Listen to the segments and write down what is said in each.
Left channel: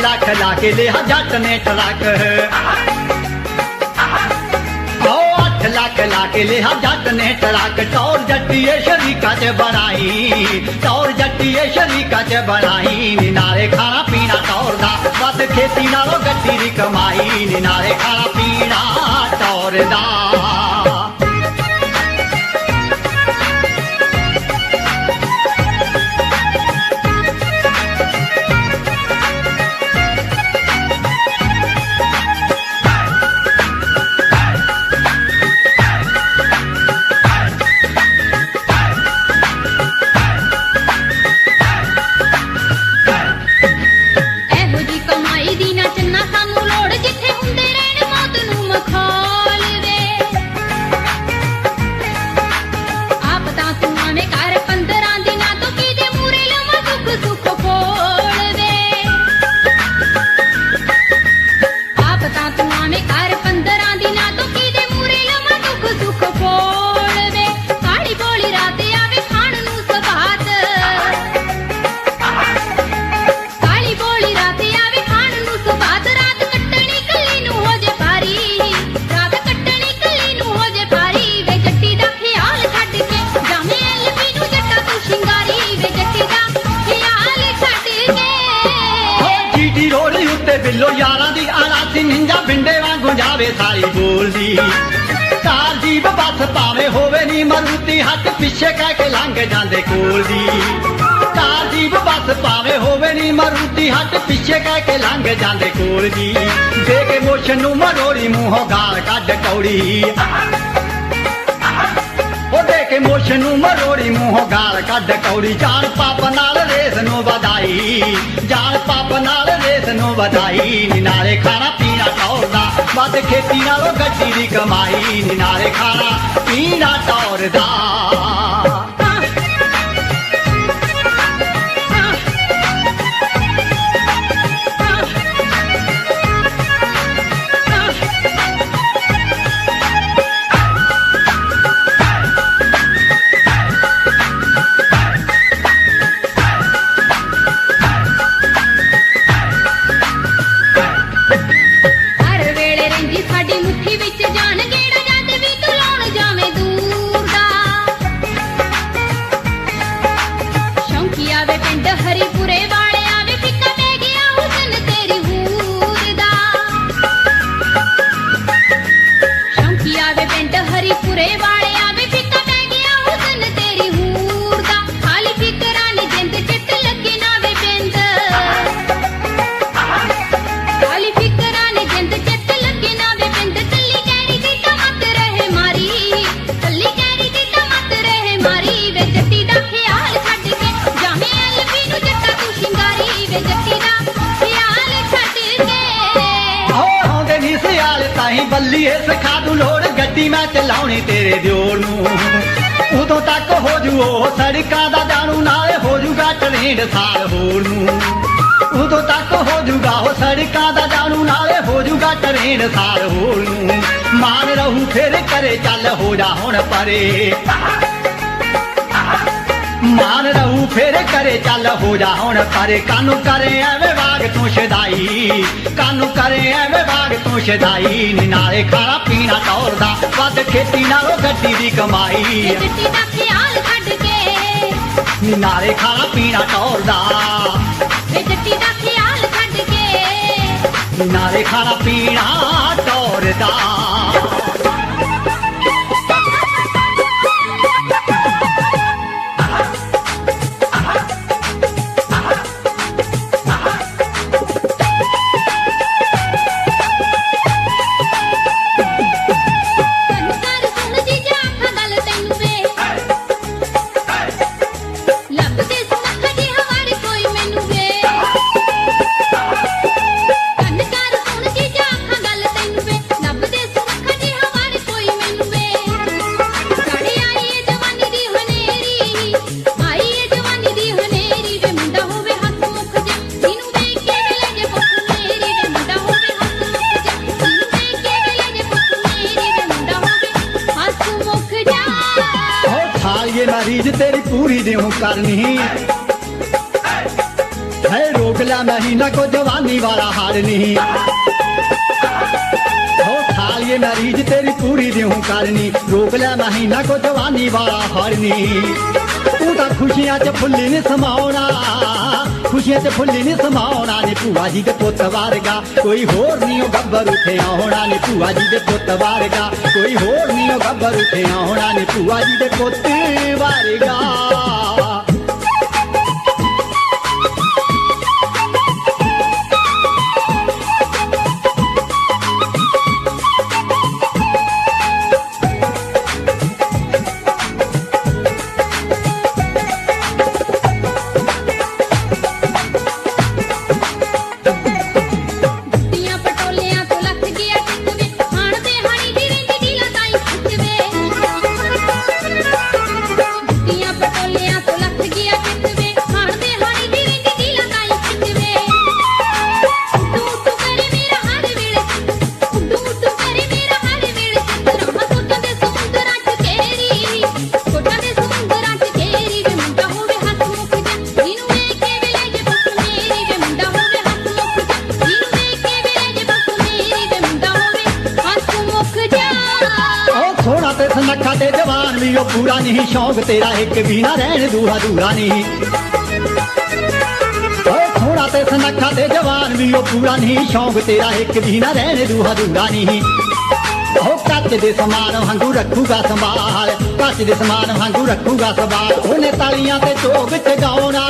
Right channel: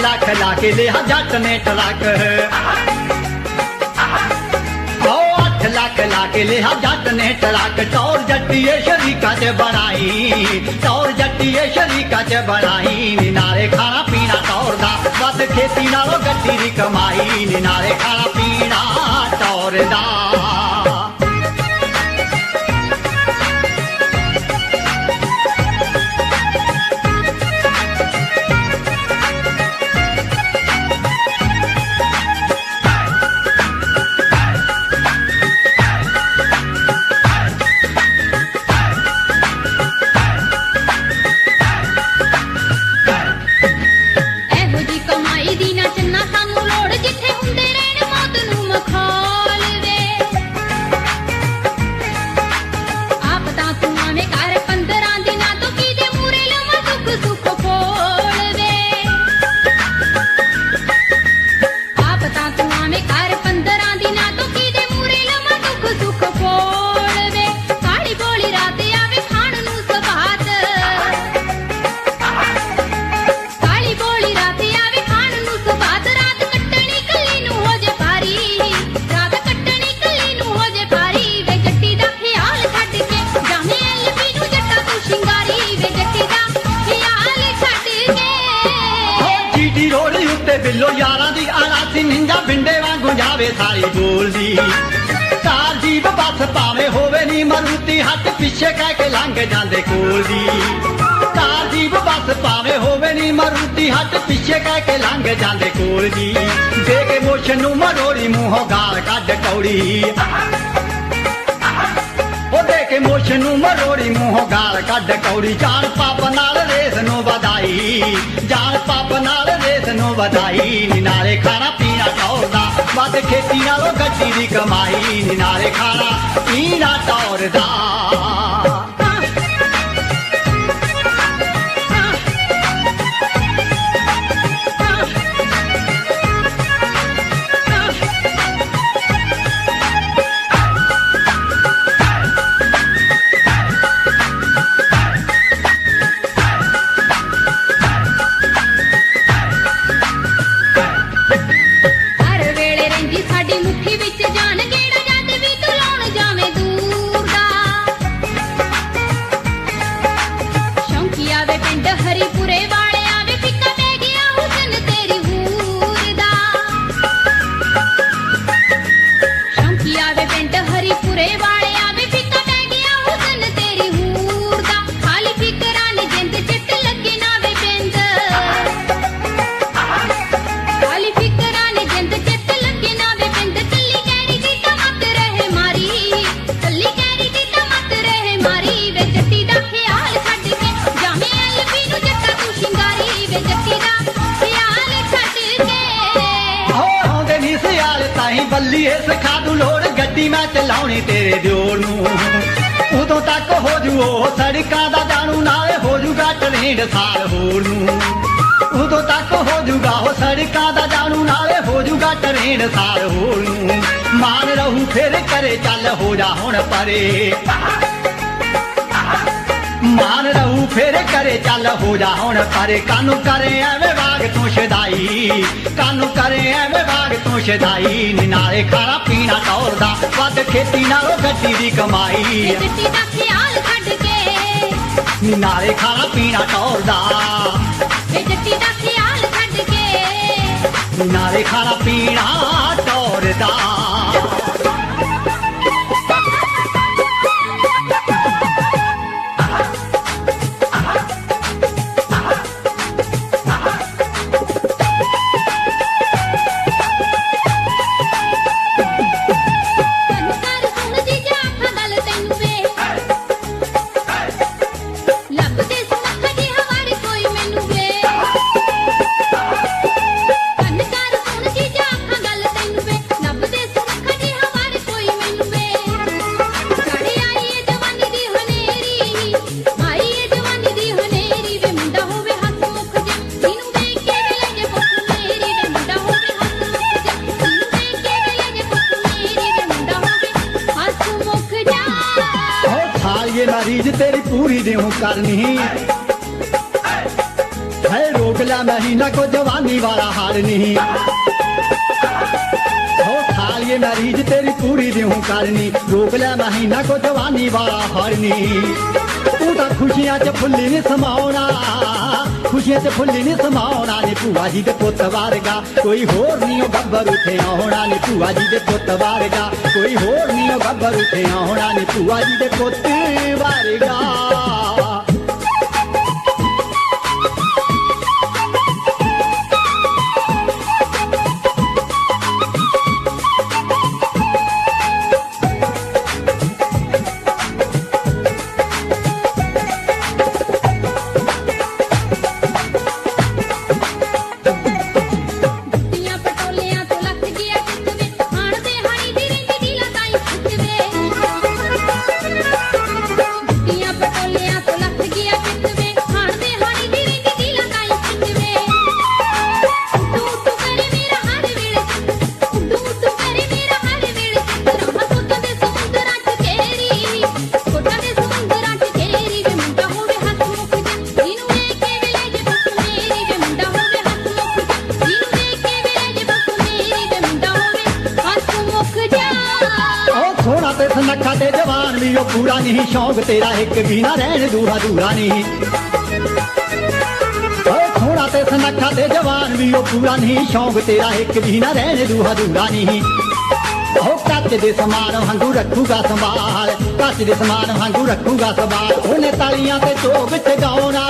लाख ला के लिया जट ने तड़ाक, 8 लाख ला के लिया जट ने तड़ाक। टौर जट्टिए शरीका के बनाई, टौर जट्टिए शरीका के बनाई। नारे खाना पीना टौर दा बस खेती नालों गड्डी दी कमाई। नारे खाना पीना टौर दा। बिल्लो यारा दी आला सी निंजा बिंडे वांगू जावे सारी बोलदी। कार जीप बस पावे होवे नी मरुती हट पिछे कह के लंघ जांदे कोल जी। कार जीप बस पावे होवे नी मरुती हट पिछे कह के लंघ जांदे कोल जी। जे के मुछ नू मरोड़ी मूंहों गाल कढ कौड़ी, के मुछ नू मरोड़ी मूंहों गाल कढ कौड़ी। जान पाप नाल रेस नू वधाई, जान पाप नाल रेस नू वधाई। नारे खाना पीना टौर दा वध खेती नालों गड्डी दी कमाई। नारे खाना पीना टौर दा। बल्लीए सिखा दू लोड़ गड्डी मैं चलाउनी तेरे जोड़ नू। उदों तक हो जू ओ सड़कां दा जानू नाले हो जूगा ट्रेंड साल होर नू। उदों तक हो जूगा हो सड़कां दा जानू नाले हो जूगा ट्रेंड साल होर नू। मान रहू फिर करे चल हो जा हुण परे, मान रहू फिर करे चल हो जा हुण परे। कानू करे एवें वाग तू शदाई, कानू करे एवें वाग तू शदाई। नारे खाना पीना टौर दा वध खेती नालों गड्डी दी कमाई। नारे खाना पीना टौर दा, नारे खाना पीना टौर दा। रीझ तेरी पूरी देहूं करनी है रोग लिया महीना को जवानी वाला हार नहीं हो सालिए मरीज तेरी पूरी देहूं करनी रोक लिया महीना को जवानी वाला हार नहीं तू तो खुशियां च फुल्ली नहीं समाउना खुशियां च फुल्ली नहीं समाउना नी भूआ जी दे पुत्त वारगा कोई होर नहीं ओ गब्बर उठे आउना नी भूआ जी दे पुत्त वारगा कोई होर नहीं ओ गब्बर उठे आउना नी भूआ जी दे पुत्त वारगा नखा ते जवान भी ओ पूरा नहीं शौक तेरा एक भी ना रहने दूरा दूरा नहीं थोड़ा ते नखा ते जवान भी ओ पूरा नहीं शौक तेरा एक भी ना रहने दूरा दूरा नहीं कच दे समान वांगू रखूगा संभाल कच दे समान वांगू रखूगा संभाल उन्हें तालियां ते चोग च गाउना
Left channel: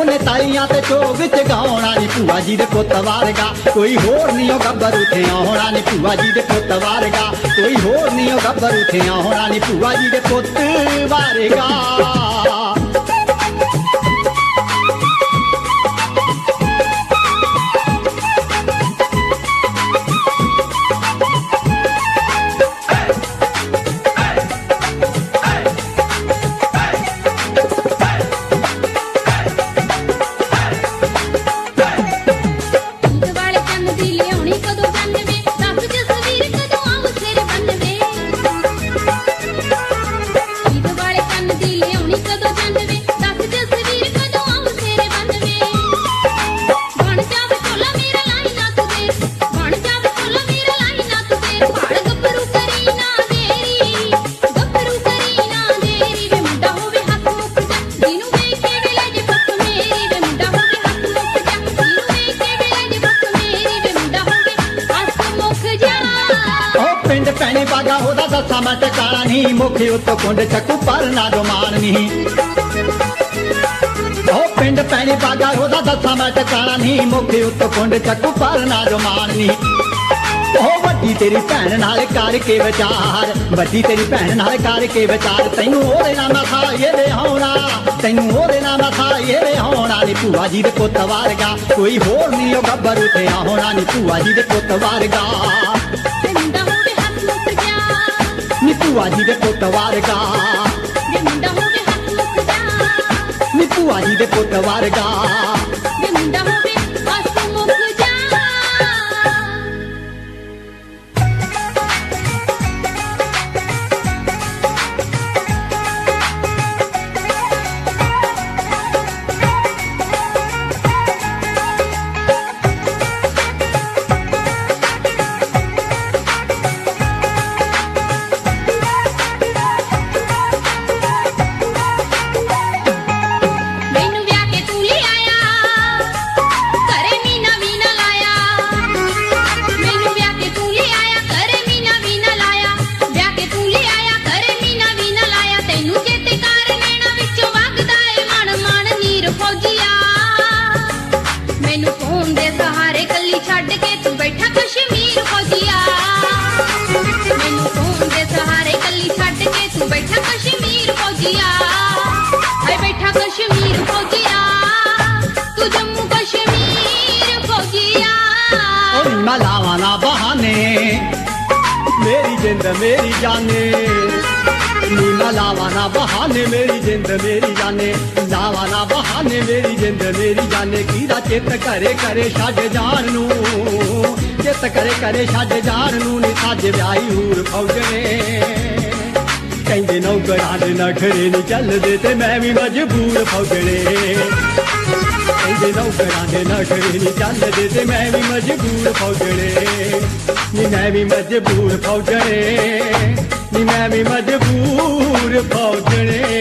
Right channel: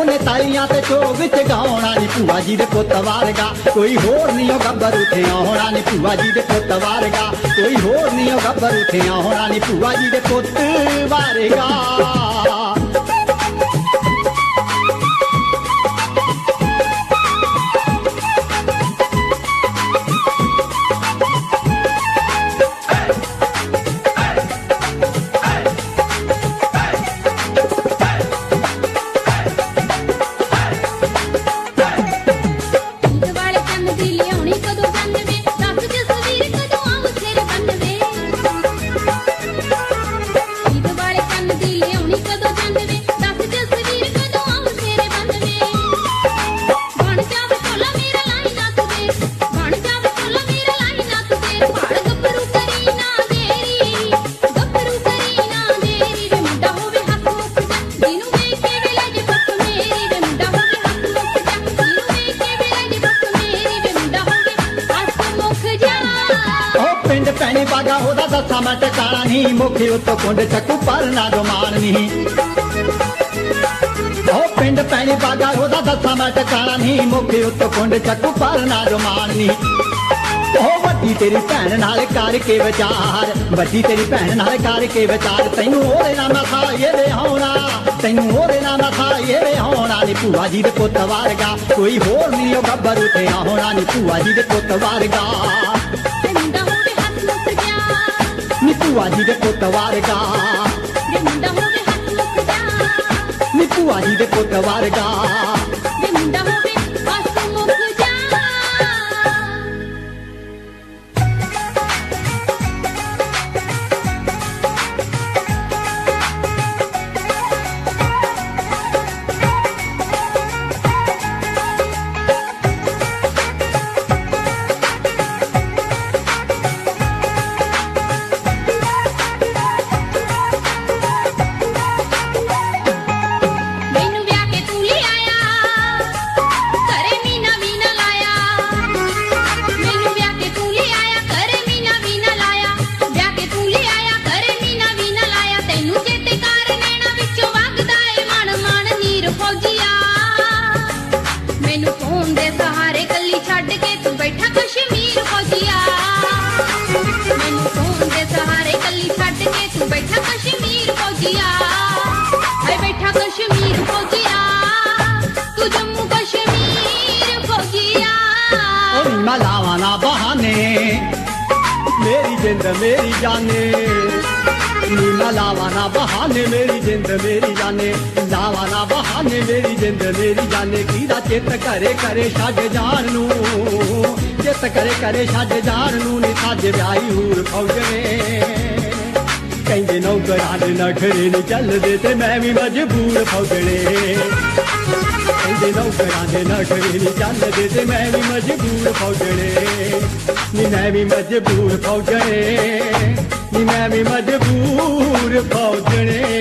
उन्हें तालियां ते चोग च गाउना नी भूआ जी दे पुत्त वारगा कोई होर नहीं ओ गब्बर उठे आउना नी भूआ जी दे पुत्त वारगा कोई होर नहीं ओ गब्बर उठे आउना नी भूआ जी दे पुत्त वारगा पैनी बागा होदा दसा मैं टकाना नहीं मुखी उत्तो कुंड चक्कू पर ना डोमान नहीं पिंड पैनी बागा होदा दसा मैं टकाना नहीं मुखी उत्तो कुंड चक्कू पर ना डोमान नहीं वड्डी तेरी भैन नाल करके विचार वड्डी तेरी भैन नाल करके विचार तैनू ओरे ना मथा ये वे होना तैनू ओरे ना मथा ये वे होना नी भूआ जी दे पुत्त वारगा कोई होर नहीं ओ गब्बर उठे होना नी भूआ जी दे पुत्त वारगा नी भूआ जी दे पुत्त वारगा नी भूआ जी दे पुत्त वारगा लावाना बहाने मेरी जिंद मेरी जाने नीना लावाना बहाने मेरी जिंद मेरी जाने लावाना बहाने मेरी जिंद मेरी जाने कीदा चित करे करे छड़ जान नू चित करे करे छड़ जान नू नी साजे ब्याई हूर फौजने ਕਹਿੰਦੇ ਨੌਕਰਾਂ ਦੇ ਨਖਰੇ ਨੀ ਚੱਲਦੇ ਤੇ ਮੈਂ ਵੀ ਮਜਬੂਰ ਫੌਜਣੇ ਕਹਿੰਦੇ ਨੌਕਰਾਂ ਦੇ ਨਖਰੇ ਨੀ ਚੱਲਦੇ ਤੇ ਮੈਂ ਵੀ ਮਜਬੂਰ ਫੌਜਣੇ ਨੀ ਮੈਂ ਵੀ ਮਜਬੂਰ ਫੌਜਣੇ ਨੀ ਮੈਂ ਵੀ ਮਜਬੂਰ ਫੌਜਣੇ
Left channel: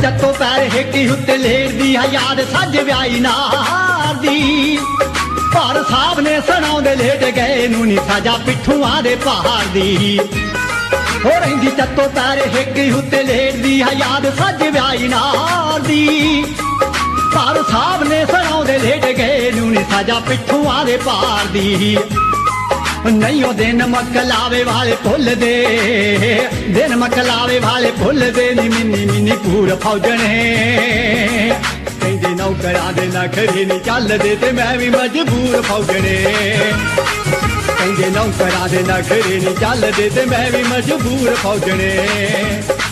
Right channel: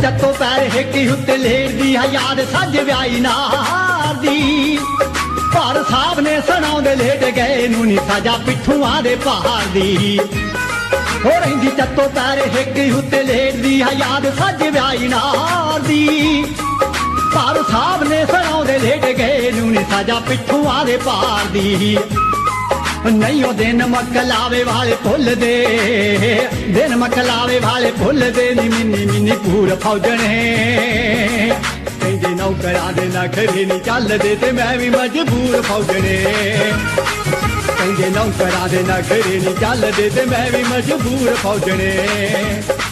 ਜੱਤੋਂ ਪੈਰ ਹੇਠੀ ਉੱਤੇ ਲੇੜਦੀ ਆ ਯਾਦ ਸੱਜ ਵਿਆਹੀ ਨਾਰ ਦੀ ਪਰ ਸਾਹਿਬ ਨੇ ਸੁਣਾਉਂਦੇ ਲੇਟ ਗਏ ਨੂੰ ਨੀ ਸਾਜਾ ਪਿੱਠੂਆਂ ਦੇ ਪਹਾੜ ਦੀ ਹੋ ਰਹਿੰਦੀ ਜੱਤੋਂ ਪੈਰ ਹੇਠੀ ਉੱਤੇ ਲੇੜਦੀ ਆ ਯਾਦ ਸੱਜ ਵਿਆਹੀ ਨਾਰ ਦੀ ਪਰ ਸਾਹਿਬ ਨੇ ਸੁਣਾਉਂਦੇ ਲੇਟ ਗਏ ਨੂੰ ਨੀ ਸਾਜਾ ਪਿੱਠੂਆਂ ਦੇ ਪਹਾੜ ਦੀ ਨਹੀਂ ਉਹ ਦਿਨ ਮਕਲਾਵੇ ਵਾਲੇ ਭੁੱਲਦੇ ਦਿਨ ਮਕਲਾਵੇ ਵਾਲੇ ਭੁੱਲਦੇ ਨੀ ਮਿੰਨੀ ਪੂਰ ਫੌਜਣੇ ਕਹਿੰਦੇ ਨੌਕਰਾਂ ਦੇ ਨਖਰੇ ਨੀ ਚੱਲਦੇ ਤੇ ਮੈਂ ਵੀ ਮਜਬੂਰ ਫੌਜਣੇ ਕਹਿੰਦੇ ਨੌਕਰਾਂ ਦੇ ਨਖਰੇ ਨੀ ਚੱਲਦੇ ਤੇ ਮੈਂ ਵੀ ਮਜਬੂਰ ਫੌਜਣੇ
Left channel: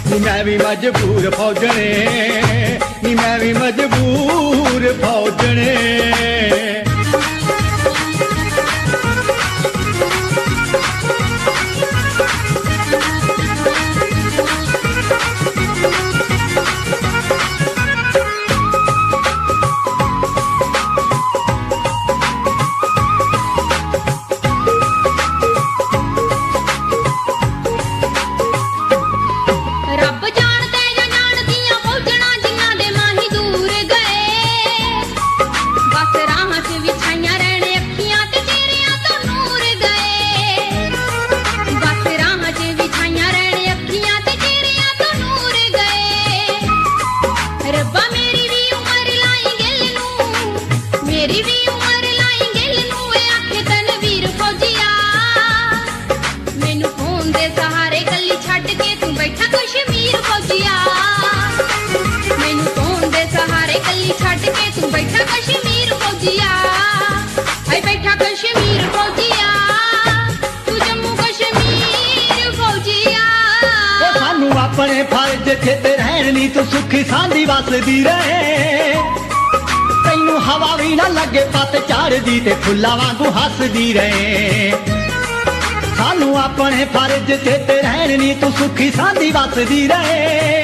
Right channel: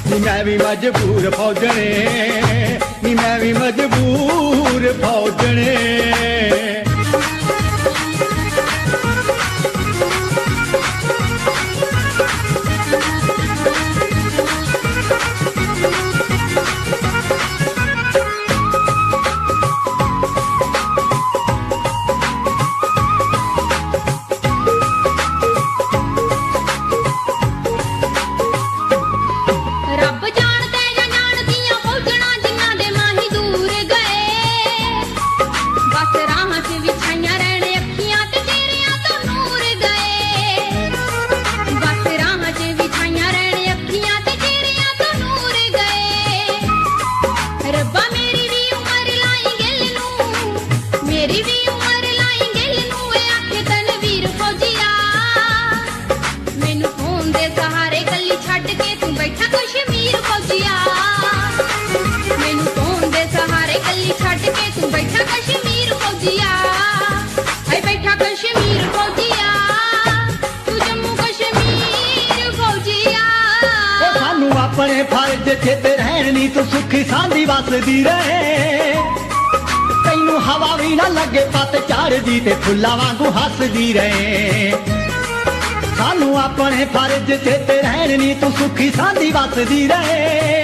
ਨੀ ਮੈਂ ਵੀ ਮਜਬੂਰ ਫੌਜਣੇ ਨੀ ਮੈਂ ਵੀ ਮਜਬੂਰ ਫੌਜਣੇ ਆਪਣੇ ਫਰਜ਼ ਤੇ ਰਹਿਣ ਨੀ ਤੂੰ ਸੁਖੀ ਸਾਂਦੀ ਵਸਦੀ ਰਹੇ ਤੈਨੂੰ ਹਵਾ ਵੀ ਨਾ ਲੱਗੇ ਪੱਤ ਝੜਦੀ ਤੇ ਫੁੱਲਾਂ ਵਾਂਗੂ ਹੱਸਦੀ ਰਹੇ ਸਾਨੂੰ ਆਪਣੇ ਫਰਜ਼ ਤੇ ਰਹਿਣ ਨੀ ਤੂੰ ਸੁਖੀ ਸਾਂਦੀ ਵਸਦੀ ਰਹੇ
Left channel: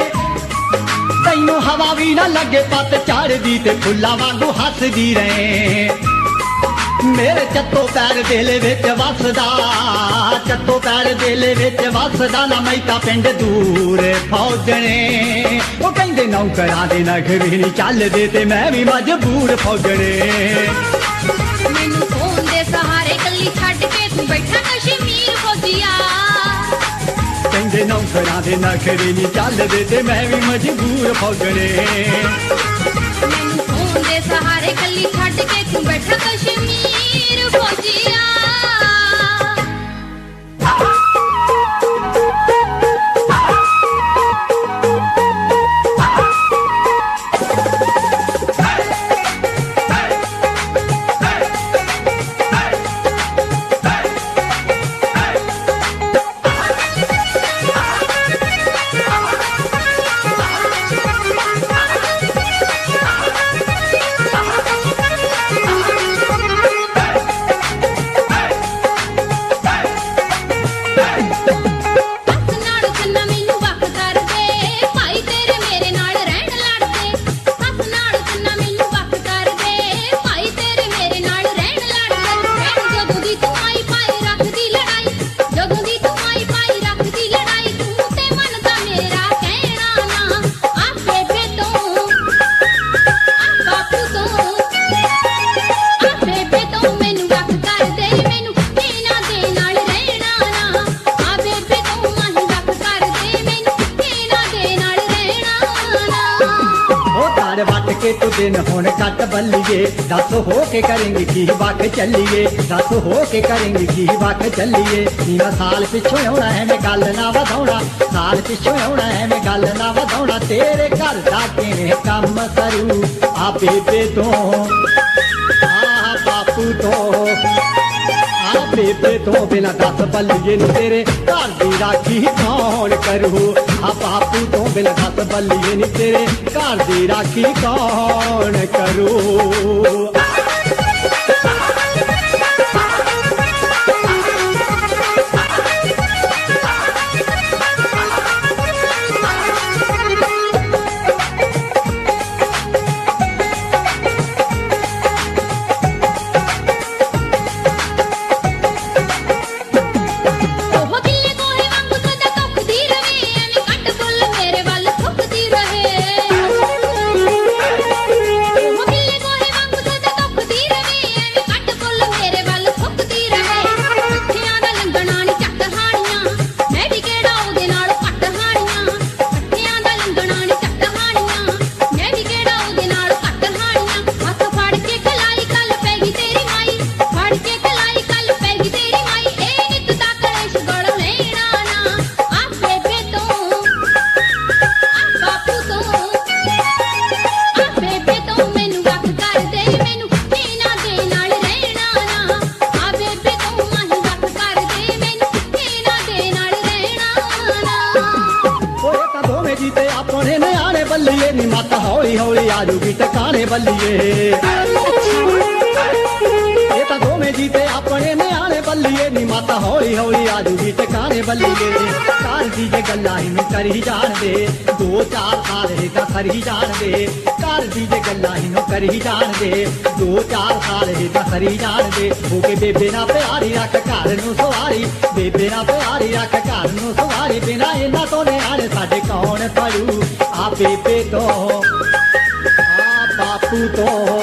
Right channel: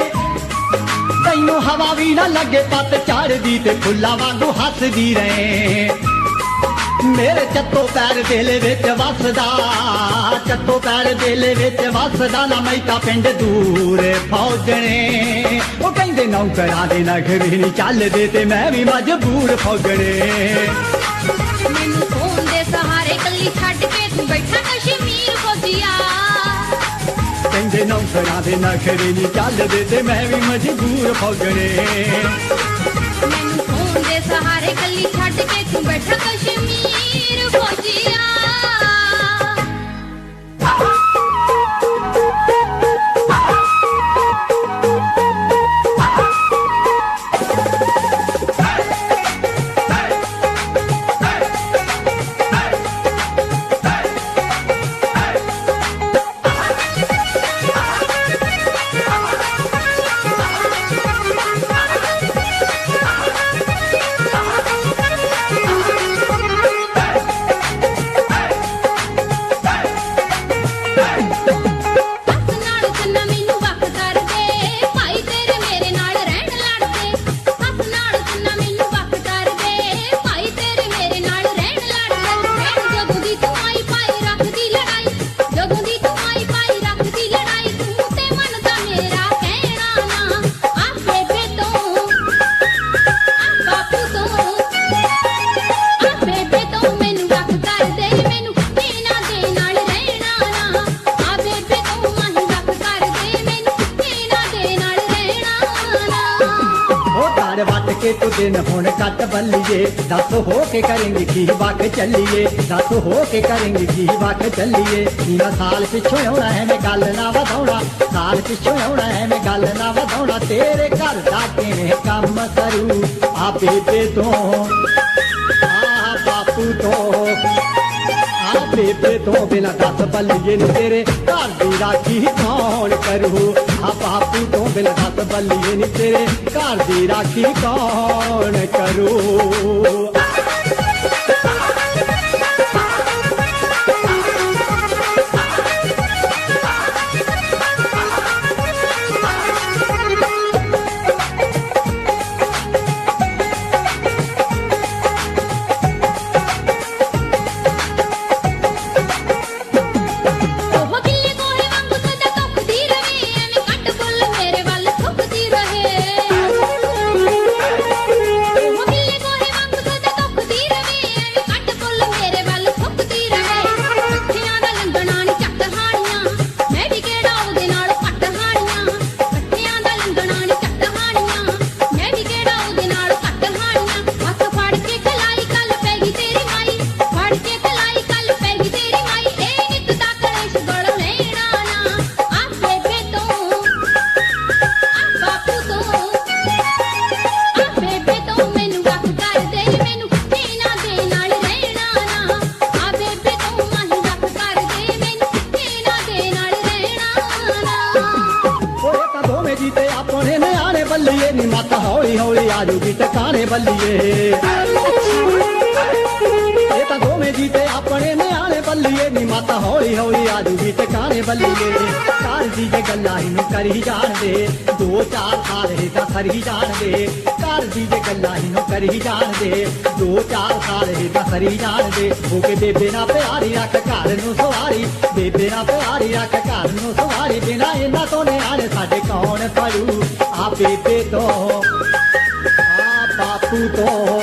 ਤੈਨੂੰ ਹਵਾ ਵੀ ਨਾ ਲੱਗੇ ਪੱਤ ਝੜਦੀ ਤੇ ਫੁੱਲਾਂ ਵਾਂਗੂ ਹੱਸਦੀ ਰਹੇ ਮੇਰੇ ਚੱਤੋ ਪੈਰ ਦਿਲ ਵਿੱਚ ਵਸਦਾ ਚੱਤੋ ਪੈਰ ਦਿਲ ਵਿੱਚ ਵਸਦਾ ਨਾ ਮੈਂ ਤਾਂ ਪਿੰਡ ਦੂਰ ਫੌਜਣੇ ਉਹ ਕਹਿੰਦੇ ਨੌਕਰਾਂ ਦੇ ਨਖਰੇ ਨੀ ਚੱਲਦੇ ਤੇ ਮੈਂ ਵੀ ਮਜਬੂਰ ਫੌਜਣੇ ਮੈਨੂੰ ਫੋਨ ਦੇ ਸਹਾਰੇ ਕੱਲੀ ਛੱਡ ਕੇ ਤੂੰ ਬੈਠਾ ਕਸ਼ਮੀਰ ਫੌਜੀਆ ਕਹਿੰਦੇ ਨੌਕਰਾਂ ਦੇ ਨਖਰੇ ਨੀ ਚੱਲਦੇ ਤੇ ਮੈਂ ਵੀ ਮਜਬੂਰ ਫੌਜਣੇ ਮੈਨੂੰ ਫੋਨ ਦੇ ਸਹਾਰੇ ਕੱਲੀ ਛੱਡ ਕੇ ਤੂੰ ਬੈਠਾ ਕਸ਼ਮੀਰ ਫੌਜੀਆ यार वट के तू दिन हुण कट बल्लिए दस हो के करेंगे की वट चलिए दस हो के करेंगे की वट चलिए मैं साल पिछों आउणा है मैं गल ना वधाउणा साल पिछों आउणा है मैं गल ना वधाउणा तेरे घर दा किवें काम करू आ बेबे तो आ बापू तो बेबे तो बिना दस बल्लिए नी तेरे घर दी राखी कौन करू आ बापू तो बिना दस बल्लिए नी तेरे घर दी राखी कौन करू ਉਹ ਗਿੱਲੇ ਗੋਹੇ ਵਾਂਗੂ ਸਦਾ ਧੁੱਪਦੀ ਰਹੇ ਐਵੇਂ ਘੱਟ ਫੁੱਲ ਮੇਰੇ ਵੱਲ ਥੁੱਕਦੀ ਰਹੇ ਉਹ ਗਿੱਲੇ ਗੋਹੇ ਵਾਂਗੂ ਸਦਾ ਧੁੱਪਦੀ ਰਹੇ ਐਵੇਂ ਘੱਟ ਫੁੱਲ ਮੇਰੇ ਵੱਲ ਥੁੱਕਦੀ ਰਹੇ ਅੱਖੀਆਂ ਦਾ ਲੰਘਣਾ ਨੀ ਚੱਕ ਹਾਣੀਆਂ ਮੈਂ ਵੀ ਕਿਹੜਾ ਉਹਦੇ ਨਾਲ ਘੱਟ ਹਾਣੀਆਂ ਅੱਖੀਆਂ ਦਾ ਲੰਘਣਾ ਨੀ ਚੱਕ ਹਾਣੀਆਂ ਮੈਂ ਵੀ ਕਿਹੜਾ ਉਹਦੇ ਨਾਲ ਘੱਟ ਹਾਣੀਆਂ ਹੱਥ ਫੜ ਕੇ ਖਲਾਈ ਕੱਲ ਪੈ ਗਈ ਤੇਰੀ ਮਾਈ ਫੜ ਕੇ ਖਲਾਈ ਕੱਲ ਪੈ ਗਈ ਤੇਰੀ ਮਾਈ ਇਹ ਨਿੱਤ ਦਾ ਕਲੇਸ਼ ਗਲ ਲੈਣਾ ਨਾ ਆ ਬੇਬੇ ਤੋਂ ਆ ਬਾਪੂ ਤੋਂ ਆ ਬੇਬੇ ਤੋਂ ਮੈਨੂੰ ਵੱਖ ਕਰ ਦੇ ਮੈਨੂੰ ਇਹਨਾਂ ਦੇ ਨਾਲ ਰਹਿਣਾ ਨਾ ਆ ਬੇਬੇ ਤੋਂ ਮੈਨੂੰ ਵੱਖ ਕਰ ਦੇ ਮੈਨੂੰ ਇਹਨਾਂ ਦੇ ਨਾਲ ਰਹਿਣਾ ਨਾ ओए ਤਾਂ ਦੋਵੇਂ ਜੀ ਤੇ ਆਪਣੇ ਨਿਆਣੇ ਬੱਲੀਏ ਨੀ ਮੱਤ ਹੌਲੀ ਹੌਲੀ ਆਜੂਗੀ ਟਿਕਾਣੇ ਬੱਲੀਏ ਇਹ ਤਾਂ ਦੋਵੇਂ ਜੀ ਤੇ ਆਪਣੇ ਨਿਆਣੇ ਬੱਲੀਏ ਨੀ ਮੱਤ ਹੌਲੀ ਹੌਲੀ ਆਜੂਗੀ ਟਿਕਾਣੇ ਬੱਲੀਏ ਕਾਲ ਜੀ ਦੇ ਗੱਲਾਂ ਹੀ ਨੂੰ ਕਰੀ ਜਾਣਦੇ 2-4 ਸਾਲ ਹੀ ਤਾਂ ਖਰੀ ਜਾਣਦੇ ਕਾਲ ਜੀ ਦੇ ਗੱਲਾਂ ਹੀ ਨੂੰ ਕਰੀ ਜਾਣਦੇ 2-4 ਸਾਲ ਹੀ ਤਾਂ ਖਰੀ ਜਾਣਦੇ ਹੋ ਕੇ ਬੇਬੇ ਨਾਲ ਪਿਆਰੀ ਰੱਖ ਘਰ ਨੂੰ ਸਵਾਰੀ ਬੇਬੇ ਨਾਲ ਪਿਆਰੀ ਰੱਖ ਘਰ ਨੂੰ ਸਵਾਰੀ ਬਿਨਾ ਇਹਨਾਂ ਤੋਂ ਨਿਆਣੇ ਸਾਡੇ ਕੌਣ ਫੜੂ ਆ ਬੇਬੇ ਤੋਂ ਆ ਬਾਪੂ ਤੋਂ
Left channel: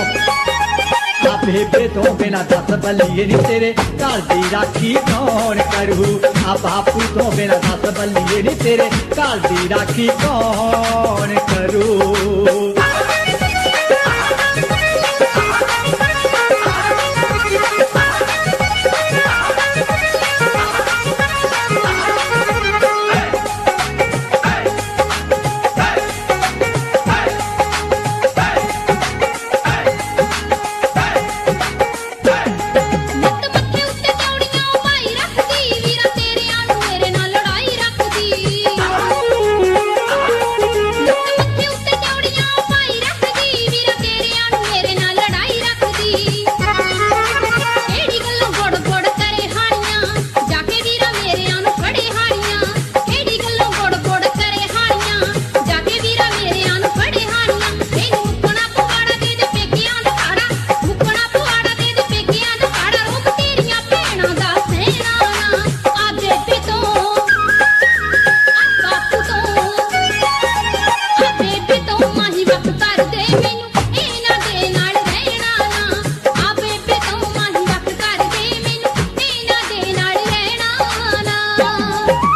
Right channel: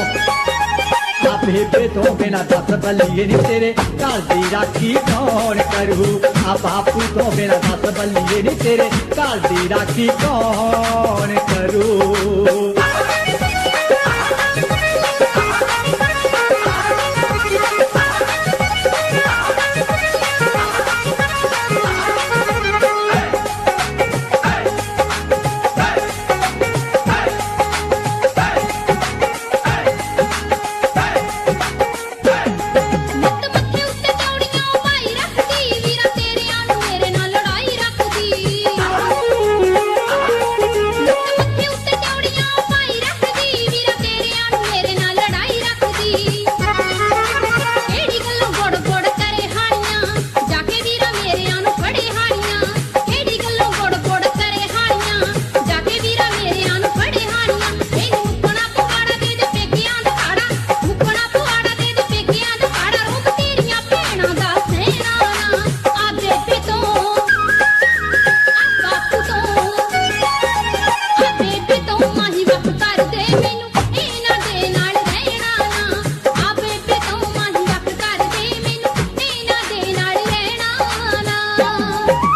ਆ ਬੇਬੇ ਤੋਂ ਬਿਨਾ ਦਸ ਬੱਲੀਏ ਨੀ ਤੇਰੇ ਘਰ ਦੀ ਰਾਖੀ ਕੌਣ ਕਰੂ ਆ ਬਾਪੂ ਤੋਂ ਬਿਨਾ ਦਸ ਬੱਲੀਏ ਨੀ ਤੇਰੇ ਘਰ ਦੀ ਰਾਖੀ ਕੌਣ ਕਰੂ ਨਿੱਤ ਮੱਥੇ ਉੱਤੇ ਚੌੜੀਆਂ ਭਾਈ ਰੱਖਦੀ ਵੀਰਾ ਤੇਰਿਆਂ ਨੂੰ ਮੇਰੇ ਨਾਲ ਲੜਾਈ ਰੱਖਦੀ ਨਿੱਤ ਮੱਥੇ ਉੱਤੇ ਚੌੜੀਆਂ ਭਾਈ ਰੱਖਦੀ ਵੀਰਾ ਤੇਰਿਆਂ ਨੂੰ ਮੇਰੇ ਨਾਲ ਲੜਾਈ ਰੱਖਦੀ ਕਿਹੜੀ ਗੱਲੋਂ ਗੋੜ ਗੋੜ ਕਰੇ ਹਾਣੀਆਂ ਜਾ ਕੇ ਵੀਰਾ ਮੇਰਿਆਂ ਨੂੰ ਫੜੇ ਹਾਣੀਆਂ ਕਿਹੜੀ ਗੱਲੋਂ ਗੋੜ ਗੋੜ ਕਰੇ ਹਾਣੀਆਂ ਜਾ ਕੇ ਵੀਰਾ ਮੇਰਿਆਂ ਨੂੰ ਫੜੇ ਹਾਣੀਆਂ ਇਹਨੂੰ ਮੁੱਕਣਾ ਪੁਆੜਾ ਦੇ ਦੇ ਪੇਕਿਆਂ ਦਾ ਕਾੜਾ ਮੁੱਕਣਾ ਪੁਆੜਾ ਦੇ ਦੇ ਪੇਕਿਆਂ ਦਾ ਕਾੜਾ ਰੂਪ ਤੇਰੀਆਂ ਭੈਣਾਂ ਦਾ ਸਹਿਣਾ ਨਾ ਆ ਬੇਬੇ ਤੋਂ ਆ ਬਾਪੂ ਤੋਂ ਆ ਬੇਬੇ ਤੋਂ ਮਾਹੀ ਵੱਖ ਕਰ ਦੇ ਮੈਨੂੰ ਇਹਨਾਂ ਦੇ ਨਾਲ ਰਹਿਣਾ ਨਾ ਆ ਬੇਬੇ ਤੋਂ ਮਾਹੀ ਵੱਖ ਕਰ ਦੇ ਮੈਨੂੰ ਇਹਨਾਂ ਦੇ ਨਾਲ ਰਹਿਣਾ ਨਾ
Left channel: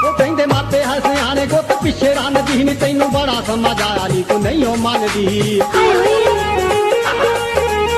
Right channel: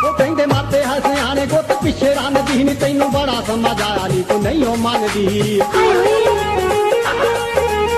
ਉਹ ਕਹਿੰਦੇ ਮਾਪੇ ਹਸਿਆ ਨੇ ਗੁੱਤ ਪਿੱਛੇ ਰੰਨਦੀ ਨੀ ਤੈਨੂੰ ਬੜਾ ਸਮਝ ਆਇਆ ਨੀ ਤੂੰ ਨਹੀਂ ਉਹ ਮੰਨਦੀ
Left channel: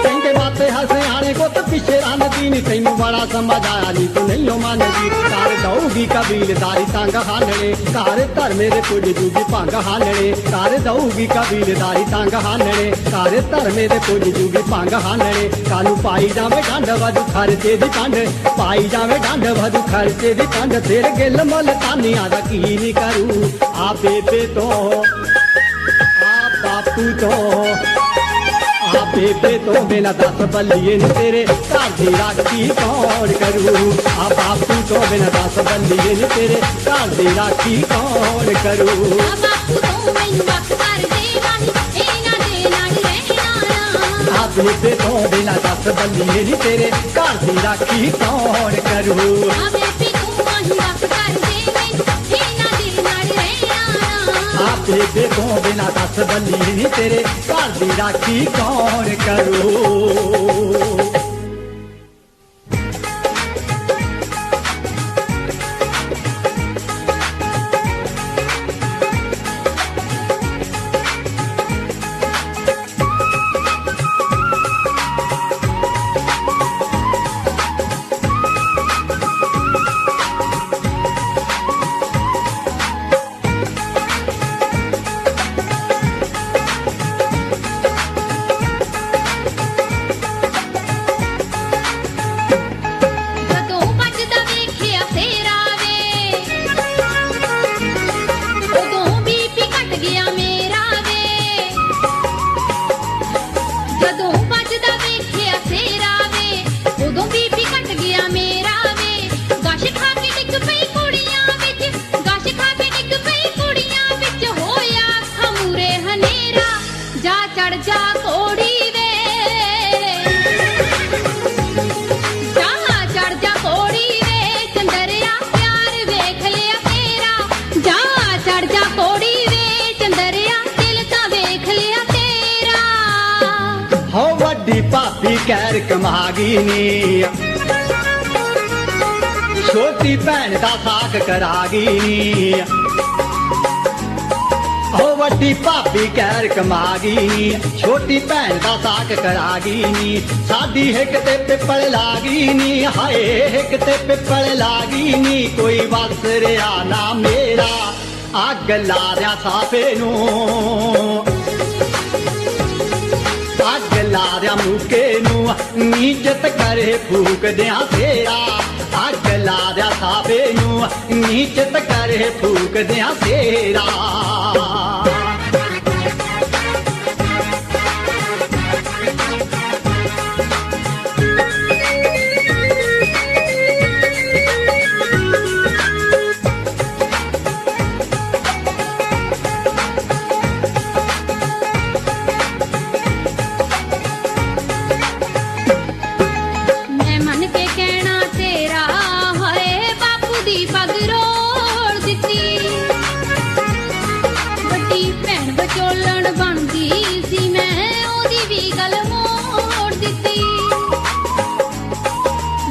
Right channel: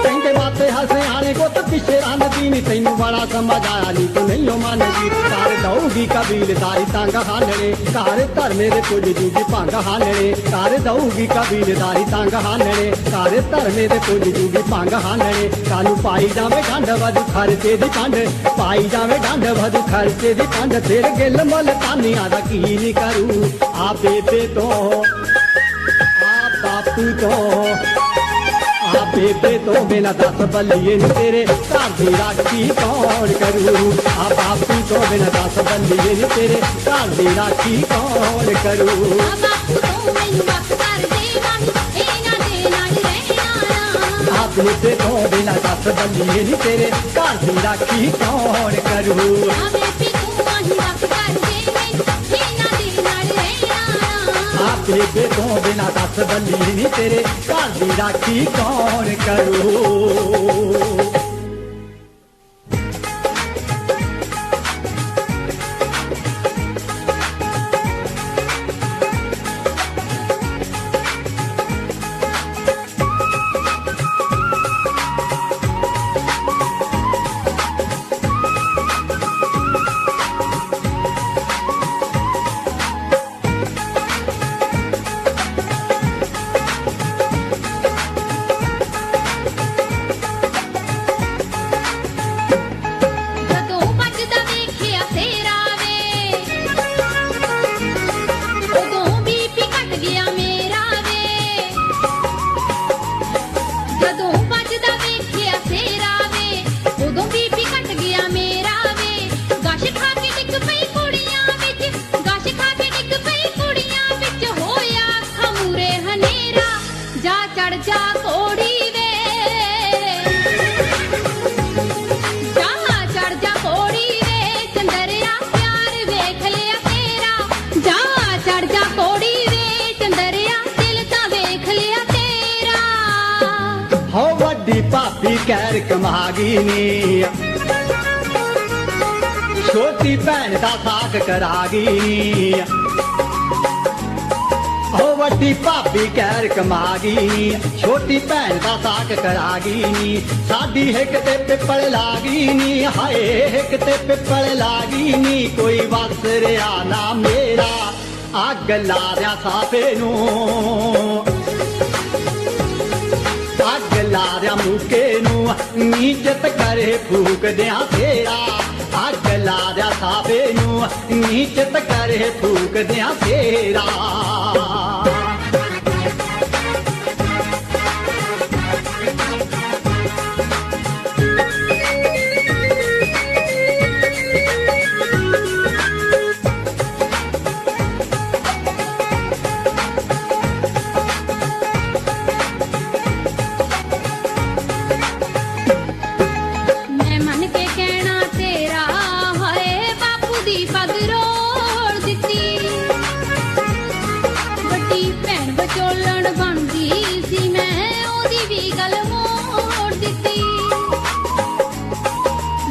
ਕਹਿੰਦੇ ਮਾਪੇ ਹਸਿਆ ਨੇ ਗੁੱਤ ਪਿੱਛੇ ਰੰਨਦੀ ਨੀ ਤੈਨੂੰ ਬੜਾ ਸਮਝ ਆਇਆ ਨੀ ਤੂੰ ਨਹੀਂ ਉਹ ਮੰਨਦੀ ਘਰ ਦਊਗੀ ਕਬੀਲਦਾਰੀ ਤੰਗ ਹਾਲਣੇ ਘਰ ਧਰਮੇ ਦੇ ਕੁਝ ਜੂਗੀ ਭੰਗ ਹਾਲਣੇ ਘਰ ਦਊਗੀ ਕਬੀਲਦਾਰੀ ਤੰਗ ਹਾਲਣੇ ਘਰ ਧਰਮੇ ਦੇ ਕੁਝ ਜੂਗੀ ਭੰਗ ਹਾਲਣੇ ਕਾਨੂੰ ਪਾਈ ਜਾਵੇ ਗੰਢ ਵਧੂ ਖਰਚੇ ਦੀ ਕੰਧ ਪਾਈ ਜਾਵੇ ਗੰਢ ਵਧੂ ਖਰਚੇ ਦੀ ਕੰਧ ਤੇਰੇ ਗਿੱਲ ਮੁੱਲ ਤਾਨੀਆਂ ਦਾ ਕੀ ਨਹੀਂ ਕਰੂ ਆ ਬੇਬੇ ਤੋਂ ਆ ਬਾਪੂ ਤੋਂ ਆ ਬੇਬੇ ਤੋਂ ਬਿਨਾ ਦਸ ਬੱਲੀਏ ਨੀ ਤੇਰੇ ਘਰ ਦੀ ਰਾਖੀ ਕੌਣ ਕਰੂ ਆ ਬਾਪੂ ਤੋਂ ਬਿਨਾ ਦਸ ਬੱਲੀਏ ਨੀ ਤੇਰੇ ਘਰ ਦੀ ਰਾਖੀ ਕੌਣ ਕਰੂ ਆ ਬਾਪੂ ਤੋਂ ਮੈਨੂੰ ਵੱਖ ਕਰ ਦੇ ਮਾਹੀ ਇਹਨਾਂ ਦੇ ਨਾਲ ਰਹਿਣਾ ਨਾ ਆ ਬੇਬੇ ਤੋਂ ਬਿਨਾ ਦਸ ਬੱਲੀਏ ਨੀ ਤੇਰੇ ਘਰ ਦੀ ਰਾਖੀ ਕੌਣ ਕਰੂ ਆ ਬੇਬੇ ਤੋਂ ਮਾਹੀ ਵੱਖ ਕਰ ਦੇ ਮੈਨੂੰ ਇਹਨਾਂ ਦੇ ਨਾਲ ਰਹਿਣਾ ਨਾ ਆ ਬੇਬੇ ਤੋਂ ਬਿਨਾ ਦਸ ਬੱਲੀਏ ਨੀ ਤੇਰੇ ਘਰ ਦੀ ਰਾਖੀ ਕੌਣ ਕਰੂ ਜਾ ਚੜ ਜਾ ਕੋੜੀ ਵੇ ਜਾ ਚੜ ਜਾ ਕੋੜੀ ਵੇ ਚੰਦਰਿਆ ਪਿਆਰ ਵੇਖ ਲਿਆ ਤੇਰਾ ਜਾ ਚੜ ਜਾ ਕੋੜੀ ਵੇ ਚੰਦਰਿਆ ਦਿਲ ਤਾਂ ਵੇਖ ਲਿਆ ਤੇਰਾ ਹੋ ਵੱਡੀ ਭਾਬੀ ਕਹਿਰ ਕਮਾਗੀ ਨੀ ਛੋਟੀ ਭੈਣ ਦਾ ਸਾਕ ਕਰਾਗੀ ਨੀ ਹੋ ਵੱਡੀ ਭਾਬੀ ਕਹਿਰ ਕਮਾਗੀ ਛੋਟੀ ਭੈਣ ਦਾ ਸਾਕ ਕਰਾਗੀ ਨੀ ਸਾਡੀ ਹਿੱਕ ਤੇ ਪਿੱਪਲ ਲਾਗੀ ਨੀ ਹਾਏ ਹਿੱਕ ਤੇ ਪਿੱਪਲ ਲਾਗੀ ਨੀ ਕੋਈ ਵਸ ਰਿਆ ਨਾ ਮੇਰਾ ਅੱਗ ਲਾ ਰਿਆ ਸਾਫੇ ਨੂੰ ਅੱਗ ਲਾ ਰਿਆ ਮੁਕੇ ਨੂੰ ਨੀਚਤ ਕਰੇ ਫੂਕਦਿਆਂ ਫੇਰਾ ਅੱਗ ਲਾ ਰਿਆ ਸਾਫੇ ਨੂੰ ਨੀਚਤ ਕਰੇ ਫੂਕਦਿਆਂ ਫੇਰਾ ਮੈਂ ਮੰਨ ਕੇ ਕਹਿਣਾ ਤੇਰਾ ਹੋਏ ਬਾਪੂ ਦੀ ਪੱਗ ਰੋੜ ਦਿੱਤੀ ਵੱਡੀ ਭੈਣ ਵਿਚੋਲਣ ਬਣਦੀ ਸੀ ਮੈਂ ਉਹਦੀ ਵੀ ਗੱਲ ਮੋੜ ਦਿੱਤੀ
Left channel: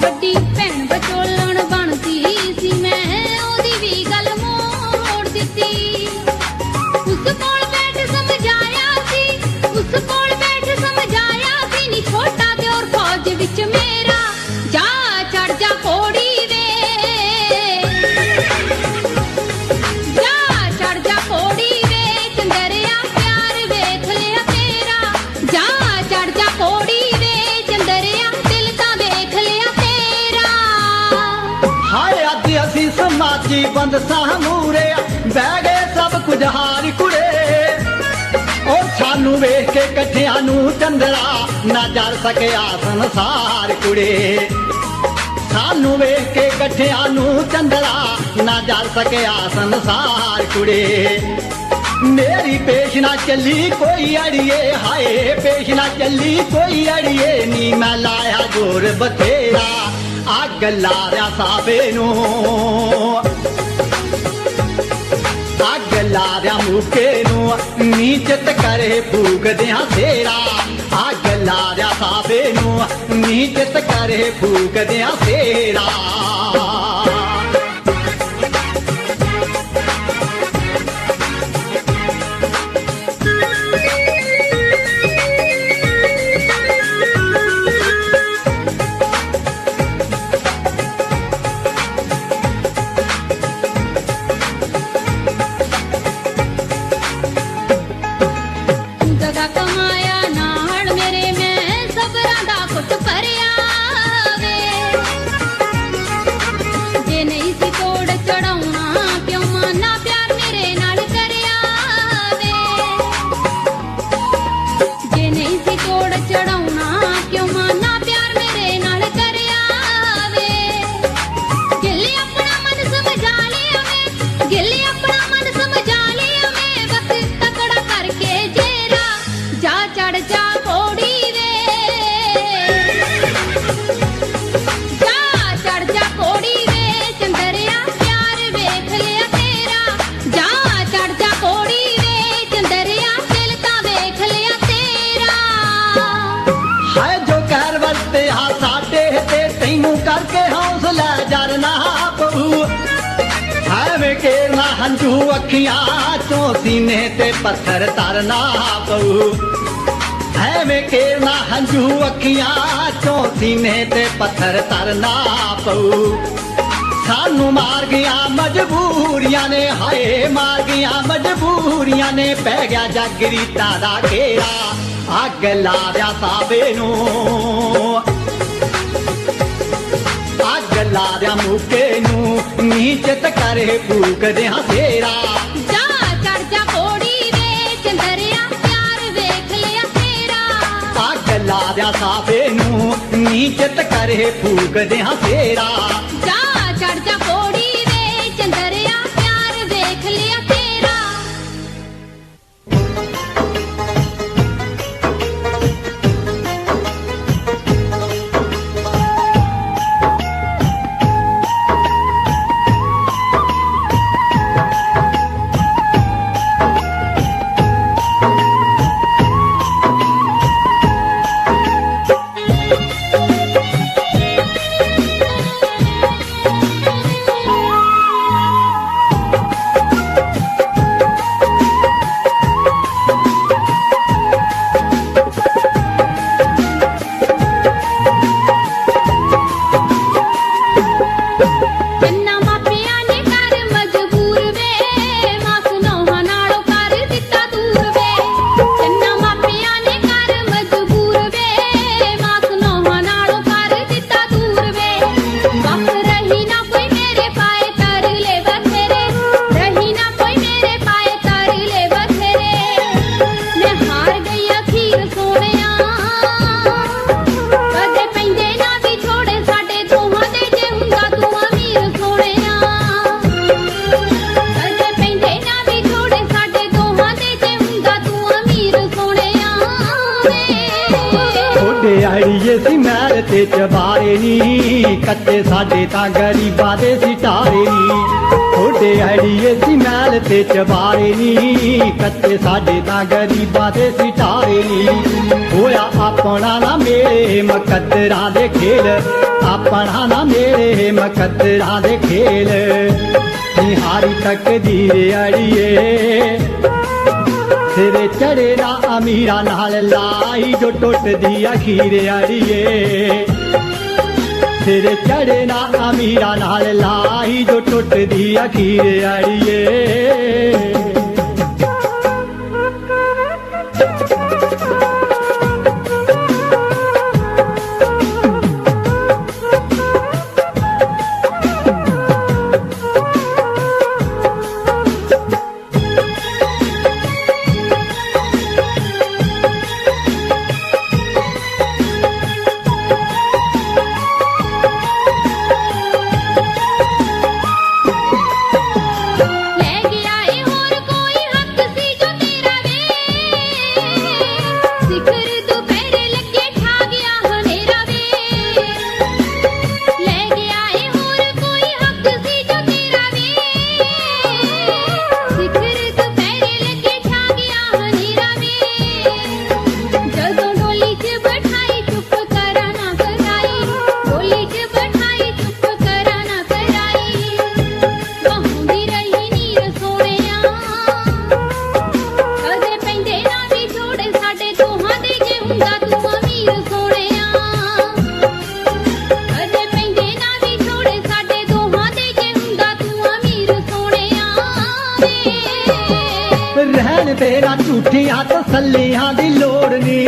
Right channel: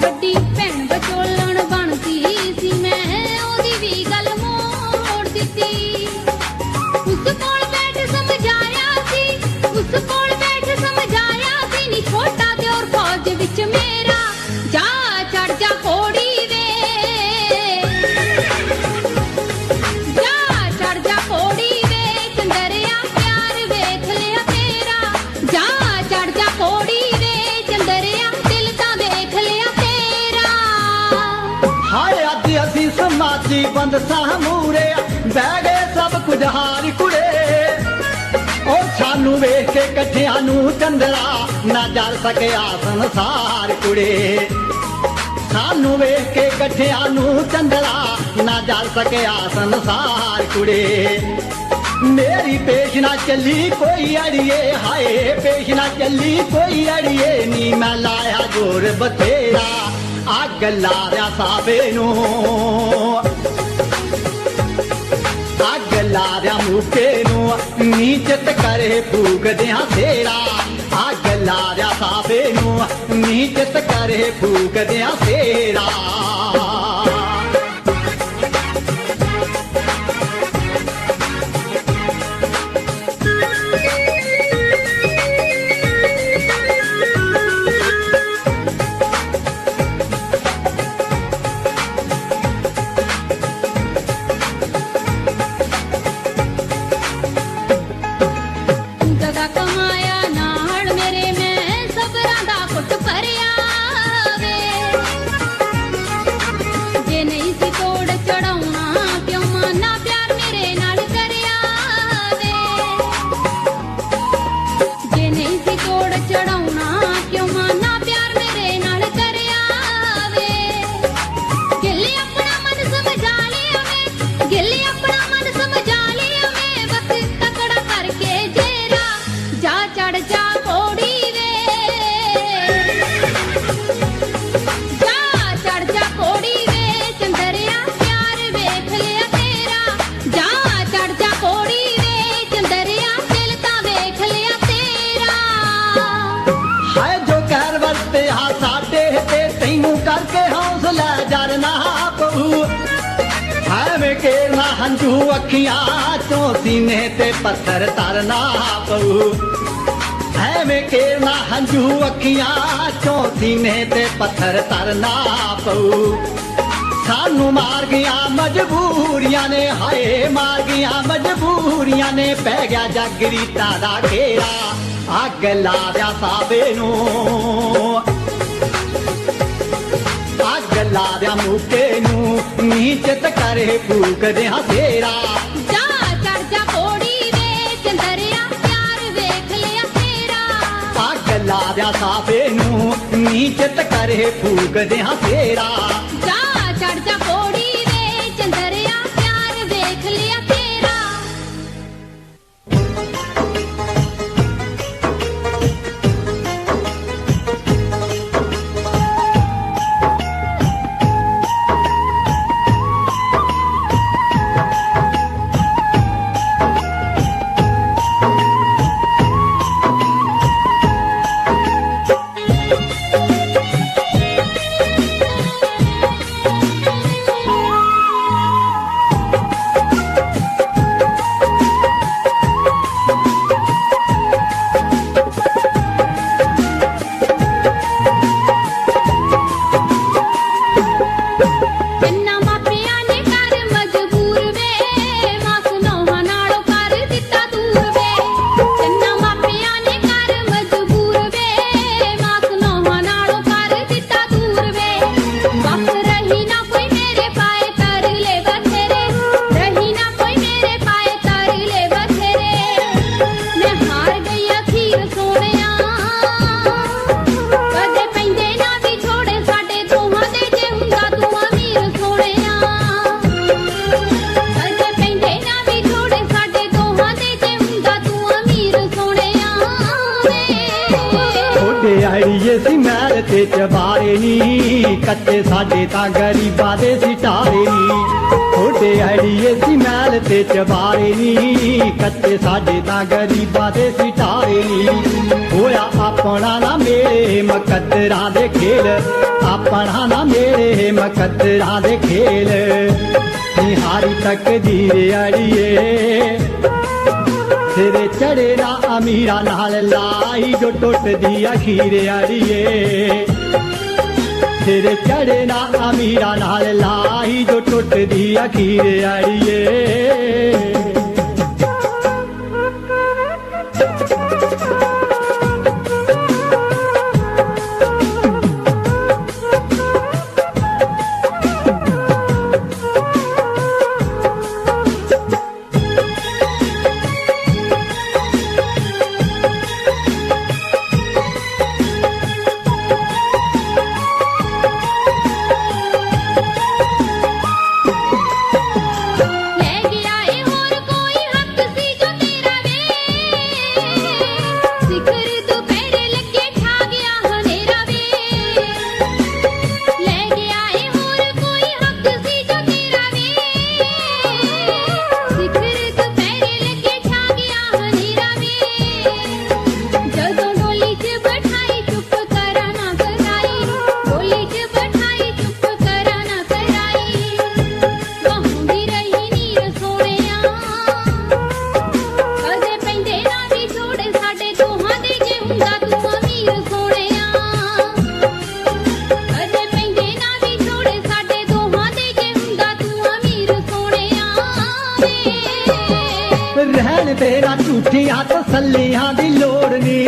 ਵੱਡੀ ਭੈਣ ਵਿਚੋਲਣ ਬਣਦੀ ਸੀ ਮੈਂ ਉਹਦੀ ਵੀ ਗੱਲ ਮੋੜ ਦਿੱਤੀ ਉਸ ਕੋਲ ਬੈਠ ਸਮਝਾਇਆ ਸੀ ਉਸ ਕੋਲ ਬੈਠ ਸਮਝਾਇਆ ਸੀ ਨੀ ਛੋਟਾ ਦਿਓਰ ਫੌਜ ਵਿੱਚ ਮੇਰਾ ਜਾ ਚੜ ਜਾ ਕੋੜੀ ਵੇ ਜਾ ਚੜ ਜਾ ਕੋੜੀ ਵੇ ਚੰਦਰਿਆ ਪਿਆਰ ਵੇਖ ਲਿਆ ਤੇਰਾ ਜਾ ਚੜ ਜਾ ਕੋੜੀ ਵੇ ਚੰਦਰਿਆ ਦਿਲ ਤਾਂ ਵੇਖ ਲਿਆ ਤੇਰਾ ਹਾਏ ਅੱਜ ਅਸੀਂ ਸਮਾਜੀ ਬੰਦ ਸਾਹ ਮੂਰੇ ਬਹਿ ਗਏ ਸਭ ਕੁਝ ਹਾਰ ਕੁੜੇ ਉਹ ਸਾਨੂੰ ਵੇਖ ਕੇ ਕੱਠਿਆਂ ਨੂੰ ਚੰਦਰਾ ਨਾ ਜਲ ਸਕਿਆ ਸੰਸਾਰ ਕੁੜੇ ਸਾਨੂੰ ਵੇਖ ਕੇ ਕੱਠਿਆਂ ਨੂੰ ਚੰਦਰਾ ਨਾ ਜਲ ਸਕਿਆ ਸੰਸਾਰ ਕੁੜੇ ਮੇਰੀ ਪੇਸ਼ ਨਾ ਚੱਲੀ ਕੋਈ ਅੜੀਏ ਹਾਏ ਪੇਸ਼ ਨਾ ਚੱਲੀ ਕੋਈ ਅੜੀਏ ਨੀ ਮੈਂ ਲਾਇਆ ਜੋਰ ਬਥੇਰਾ ਅੱਗ ਲਾ ਰਿਆ ਸਾਵੇ ਨੂੰ ਅੱਗ ਲਾ ਰਿਆ ਮੁਕੇ ਨੂੰ ਨੀਚਤ ਕਰੇ ਫੂਕਦਿਆਂ ਫੇਰਾ ਅੱਗ ਲਾ ਰਿਆ ਸਾਵੇ ਨੂੰ ਨੀਚਤ ਕਰੇ ਫੂਕਦਿਆਂ ਫੇਰਾ ਗਦਾ ਕਮਾਇਆ ਨਾਲ ਮੇਰੇ ਮੈਂ ਸਬਰਾਂ ਦਾ ਪੁੱਤ ਭਰਿਆ ਵੇ ਜੇ ਨਹੀਂ ਸੀ ਤੋੜ ਚੜਾਉਣਾ ਕਿਉਂ ਮਾਨਾ ਪਿਆਰ ਮੇਰੇ ਨਾਲ ਕਰਿਆ ਵੇ ਜੇ ਨਹੀਂ ਸੀ ਤੋੜ ਚੜਾਉਣਾ ਕਿਉਂ ਮਾਨਾ ਪਿਆਰ ਮੇਰੇ ਨਾਲ ਕਰਿਆ ਵੇ ਗਿੱਲੇ ਆਪਣਾ ਮਨ ਸਮਝਾ ਲਿਆ ਮੈਂ ਗਿੱਲੇ ਆਪਣਾ ਮਨ ਸਮਝਾ ਲਿਆ ਮੈਂ ਵਕਤ ਤਕੜਾ ਕਰਕੇ ਜੇਰਾ ਜਾ ਚੜ ਜਾ ਕੋੜੀ ਵੇ ਜਾ ਚੜ ਜਾ ਕੋੜੀ ਵੇ ਚੰਦਰਿਆ ਪਿਆਰ ਵੇਖ ਲਿਆ ਤੇਰਾ ਜਾ ਚੜ ਜਾ ਕੋੜੀ ਵੇ ਚੰਦਰਿਆ ਦਿਲ ਤਾਂ ਵੇਖ ਲਿਆ ਤੇਰਾ ਹਾਏ ਜੋ ਕਹਿਰ ਵਰਤੇ ਹਾਂ ਸਾਡੇ ਤੇ ਤੈਨੂੰ ਕਰਕੇ ਹੌਸਲਾ ਜਰਨਾ ਪਊ ਹਾਏ ਵੇ ਕੇ ਨਾ ਹੰਝੂ ਅੱਖੀਆਂ ਚੋਂ ਸੀਨੇ ਤੇ ਪੱਥਰ ਤਰਨਾ ਪਊ ਹੈ ਵੇ ਕੇ ਨਾ ਹੰਝੂ ਅੱਖੀਆਂ ਚੋਂ ਸੀਨੇ ਤੇ ਪੱਥਰ ਤਰਨਾ ਪਊ ਸਾਨੂੰ ਮਾਰ ਗਿਆ ਮਜਬੂਰੀਆਂ ਨੇ ਹਾਏ ਮਾਰ ਗਿਆ ਮਜਬੂਰੀਆਂ ਨੇ ਪੈ ਗਿਆ ਜੱਗ ਰੀਤਾਂ ਦਾ ਘੇਰਾ ਅੱਗ ਲਾ ਦਿਆ ਸਾਵੇ ਨੂੰ ਅੱਗ ਲਾ ਦਿਆ ਮੁਕੇ ਨੂੰ ਨੀਚਤ ਕਰੇ ਫੂਕਦਿਆਂ ਫੇਰਾ ਜਾ ਚੜ ਜਾ ਕੋੜੀ ਵੇ ਚੰਦਰਿਆ ਪਿਆਰ ਵੇਖ ਲਿਆ ਤੇਰਾ ਅੱਗ ਲਾ ਦਿਆ ਸਾਵੇ ਨੂੰ ਨੀਚਤ ਕਰੇ ਫੂਕਦਿਆਂ ਫੇਰਾ ਜਾ ਚੜ ਜਾ ਕੋੜੀ ਵੇ ਚੰਦਰਿਆ ਪਿਆਰ ਵੇਖ ਲਿਆ ਤੇਰਾ ਤੇ ਚਬਾਰੇ ਨੀ ਕੱਚੇ ਸਾਡੇ ਤਾਂ ਗਰੀਬਾਂ ਦੇ ਸਿਤਾਰੇ ਨੀ ਥੋੜੇ ਆੜੀਏ ਸੀ ਮਹਿਲ ਤੇ ਚਬਾਰੇ ਨੀ ਕੱਚੇ ਸਾਡੇ ਤਾਂ ਗਰੀਬਾਂ ਦੇ ਸਿਤਾਰੇ ਨੀ ਹੋਇਆ ਆਪਣਾ ਨਾ ਮੇਰੇ ਮਕਦਰਾਂ ਦੇ ਖੇਲ ਆਪਣਾ ਨਾ ਮੇਰੇ ਮਕਦਰਾਂ ਦੇ ਖੇਲ ਨਿਹਾਰੀ ਤਕਦੀਰ ਅੜੀਏ ਸਿਰੇ ਚੜੇ ਨਾ ਅਮੀਰਾਂ ਨਾਲ ਲਾਈ ਜੋ ਟੁੱਟਦੀ ਅਖੀਰ ਅੜੀਏ ਸਿਰੇ ਚੜੇ ਨਾ ਅਮੀਰਾਂ ਨਾਲ ਲਾਈ ਜੋ ਟੁੱਟਦੀ ਅਖੀਰ ਅੜੀਏ ਲੈ ਗਿਆ ਏ ਹੋਰ ਕੋਈ ਹੱਕ ਸੀ ਜੋ ਤੇਰਾ ਵੇ ਸਿਖਰ ਦੁਪਹਿਰੇ ਲੱਗੇ ਛਾ ਗਿਆ ਹਨੇਰਾ ਵੇ ਲੈ ਗਿਆ ਏ ਹੋਰ ਕੋਈ ਹੱਕ ਸੀ ਜੋ ਤੇਰਾ ਵੇ ਸਿਖਰ ਦੁਪਹਿਰੇ ਲੱਗੇ ਛਾ ਗਿਆ ਹਨੇਰਾ ਵੇ ਜਦੋਂ ਗੋਲੀ 'ਚ ਬਿਠਾਈ ਚੁੱਪ ਕਰਾਂ ਨਾ ਕਰਾਈ ਗੋਲੀ 'ਚ ਬਿਠਾਈ ਚੁੱਪ ਕਰਾਂ ਨਾ ਕਰਾਈ ਕਹੂੰਦੀ ਰਹੀ ਨੀਰ ਸੋਹਣਿਆ ਕਦੇ ਪੈਂਦੇ ਨਾ ਵੀ ਛੋੜੇ ਸਾਡੇ ਦੋਹਾਂ ਦੇ ਜੇ ਹੁੰਦਾ ਤੂੰ ਅਮੀਰ ਸੋਹਣਿਆ ਕਦੇ ਪੈਂਦੇ ਨਾ ਵੀ ਛੋੜੇ ਸਾਡੇ ਦੋਹਾਂ ਦੇ ਜੇ ਹੁੰਦਾ ਤੂੰ ਅਮੀਰ ਸੋਹਣਿਆ ਰਹਿਣ ਤੇਰਾ ਝੂਠੀਆਂ ਤਸੱਲੀਆਂ ਦੀ ਲੋੜ ਨੀ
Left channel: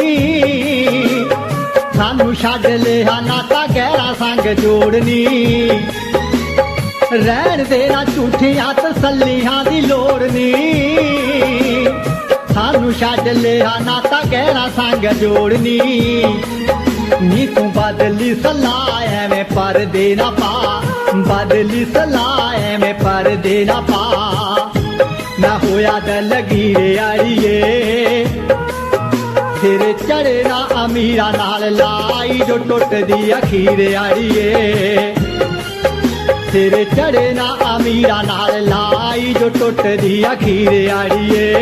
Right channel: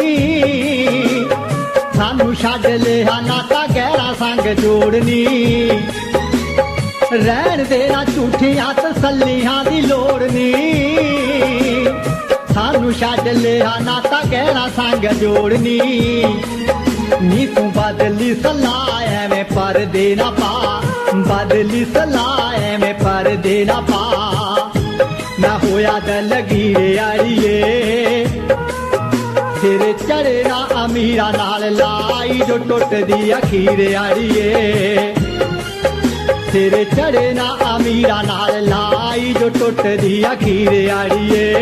ਸਾਨੂੰ ਛੱਡ ਲਿਆ ਨਾਤਾ ਗਹਿਰਾ ਸੰਗ ਜੋੜਨੀ ਰਹਿਣ ਤੇਰਾ ਝੂਠੀਆਂ ਤਸੱਲੀਆਂ ਦੀ ਲੋੜ ਨੀ ਸਾਨੂੰ ਛੱਡ ਲਿਆ ਨਾਤਾ ਗਹਿਰਾ ਸੰਗ ਜੋੜਨੀ ਨੀ ਤੂੰ ਬਦਲੀ ਸਲਾਹ ਐਵੇਂ ਪਰਦੇ ਨਾ ਪਾ ਬਦਲੀ ਸਲਾਹ ਐਵੇਂ ਪਰਦੇ ਨਾ ਪਾ ਨਾ ਹੋਇਆ ਦਿਲ ਲਗੀਰੇ ਆੜੀਏ ਸਿਰੇ ਚੜੇ ਨਾ ਅਮੀਰਾਂ ਨਾਲ ਲਾਈ ਜੋ ਟੁੱਟਦੀ ਅਖੀਰ ਆੜੀਏ ਸਿਰੇ ਚੜੇ ਨਾ ਅਮੀਰਾਂ ਨਾਲ ਲਾਈ ਜੋ ਟੁੱਟਦੀ ਅਖੀਰ ਆੜੀਏ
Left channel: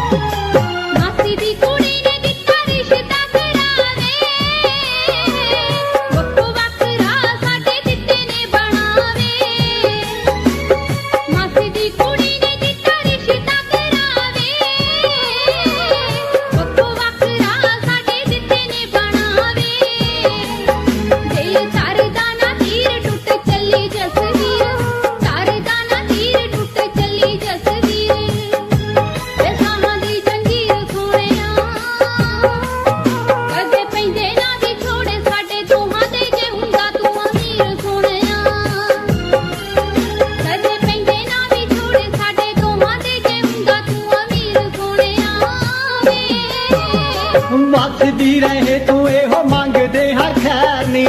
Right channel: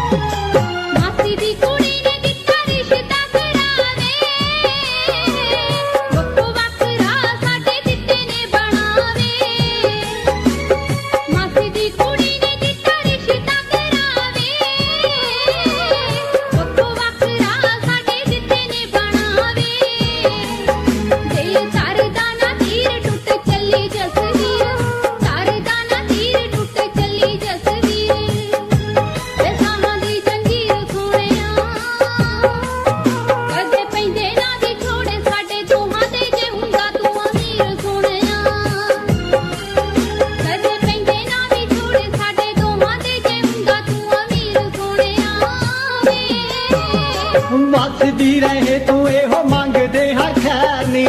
ਮਾਸੀ ਦੀ ਕੁੜੀ ਨੇ ਦਿੱਤਾ ਰਿਸ਼ਤਾ ਕਰਾਵੇ ਵੱਖੋ ਵੱਖਰਾ ਸਾਡੇ ਦਿੱਤੇ ਨੇ ਬਣਾਵੇ ਮਾਸੀ ਦੀ ਕੁੜੀ ਨੇ ਦਿੱਤਾ ਰਿਸ਼ਤਾ ਕਰਾਵੇ ਵੱਖੋ ਵੱਖਰਾ ਸਾਡੇ ਦਿੱਤੇ ਨੇ ਬਣਾਵੇ ਜੇ ਸਰਦਾ ਨਾ ਤੀਰ ਟੁੱਟ ਚੱਲੀ ਜਸਵੀਰ ਸਰਦਾ ਨਾ ਤੀਰ ਟੁੱਟ ਚੱਲੀ ਜਸਵੀਰ ਇਹ ਸਾਹਾਂ ਦੀ ਜੰਜੀਰ ਸੋਹਣਿਆ ਕਦੇ ਪੈਂਦੇ ਨਾ ਵੀ ਛੋੜੇ ਸਾਡੇ ਦੋਹਾਂ ਦੇ ਜੇ ਹੁੰਦਾ ਤੂੰ ਅਮੀਰ ਸੋਹਣਿਆ ਕਦੇ ਪੈਂਦੇ ਨਾ ਵੀ ਛੋੜੇ ਸਾਡੇ ਦੋਹਾਂ ਦੇ ਜੇ ਹੁੰਦਾ ਤੂੰ ਅਮੀਰ ਸੋਹਣਿਆ ਵਸਦੀ ਰਹੇ ਤੂੰ ਇਹੋ ਮੰਗਦੇ ਹਾਂ ਖੈਰ ਨੀ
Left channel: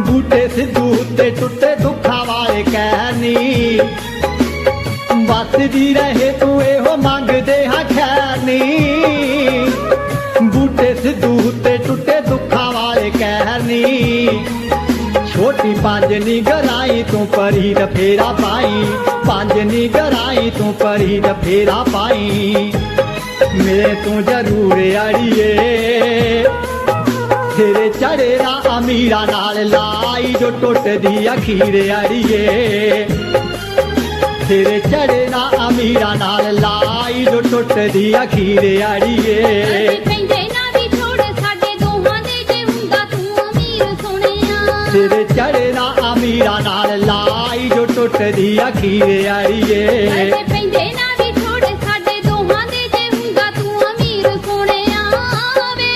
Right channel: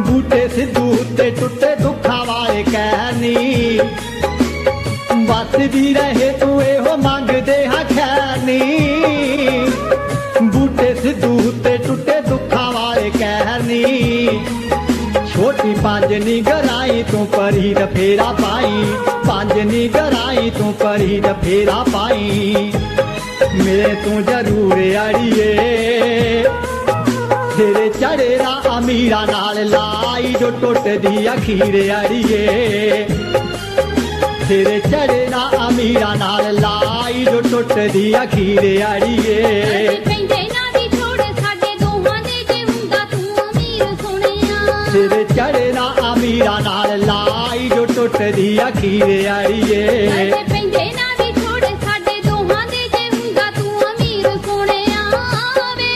ਬੂਟੇ ਸਿੱਧੂ ਉੱਤੇ ਟੁੱਟੇ ਦੁੱਖਾਂ ਵਾਲੇ ਕਹਿ ਨੀ ਵਸਦੀ ਰਹੇ ਤੂੰ ਇਹੋ ਮੰਗਦੇ ਹਾਂ ਖੈਰ ਨੀ ਬੂਟੇ ਸਿੱਧੂ ਉੱਤੇ ਟੁੱਟੇ ਦੁੱਖਾਂ ਵਾਲੇ ਕਹਿ ਨੀ ਛੋਟੀ ਪੰਜ ਨੀ ਗਰਾਈ ਤੂੰ ਪਰੀ ਦਾ ਫੇਰਾ ਪਾਈ ਪੰਜ ਨੀ ਗਰਾਈ ਤੂੰ ਪਰੀ ਦਾ ਫੇਰਾ ਪਾਈ ਮੇਰੇ ਤੂੰ ਜ਼ਰੂਰ ਆੜੀਏ ਸਿਰੇ ਚੜੇ ਨਾ ਅਮੀਰਾਂ ਨਾਲ ਲਾਈ ਜੋ ਟੁੱਟਦੀ ਅਖੀਰ ਆੜੀਏ ਸਿਰੇ ਚੜੇ ਨਾ ਅਮੀਰਾਂ ਨਾਲ ਲਾਈ ਜੋ ਟੁੱਟਦੀ ਅਖੀਰ ਆੜੀਏ ਪੈਂਦੇ ਨਾ ਵੀ ਛੋੜੇ ਸਾਡੇ ਦੋਹਾਂ ਦੇ ਜੇ ਹੁੰਦਾ ਤੂੰ ਅਮੀਰ ਸੋਹਣਿਆ ਸਿਰੇ ਚੜੇ ਨਾ ਅਮੀਰਾਂ ਨਾਲ ਲਾਈ ਜੋ ਟੁੱਟਦੀ ਅਖੀਰ ਆੜੀਏ ਪੈਂਦੇ ਨਾ ਵੀ ਛੋੜੇ ਸਾਡੇ ਦੋਹਾਂ ਦੇ ਜੇ ਹੁੰਦਾ ਤੂੰ ਅਮੀਰ ਸੋਹਣਿਆ ਵੇ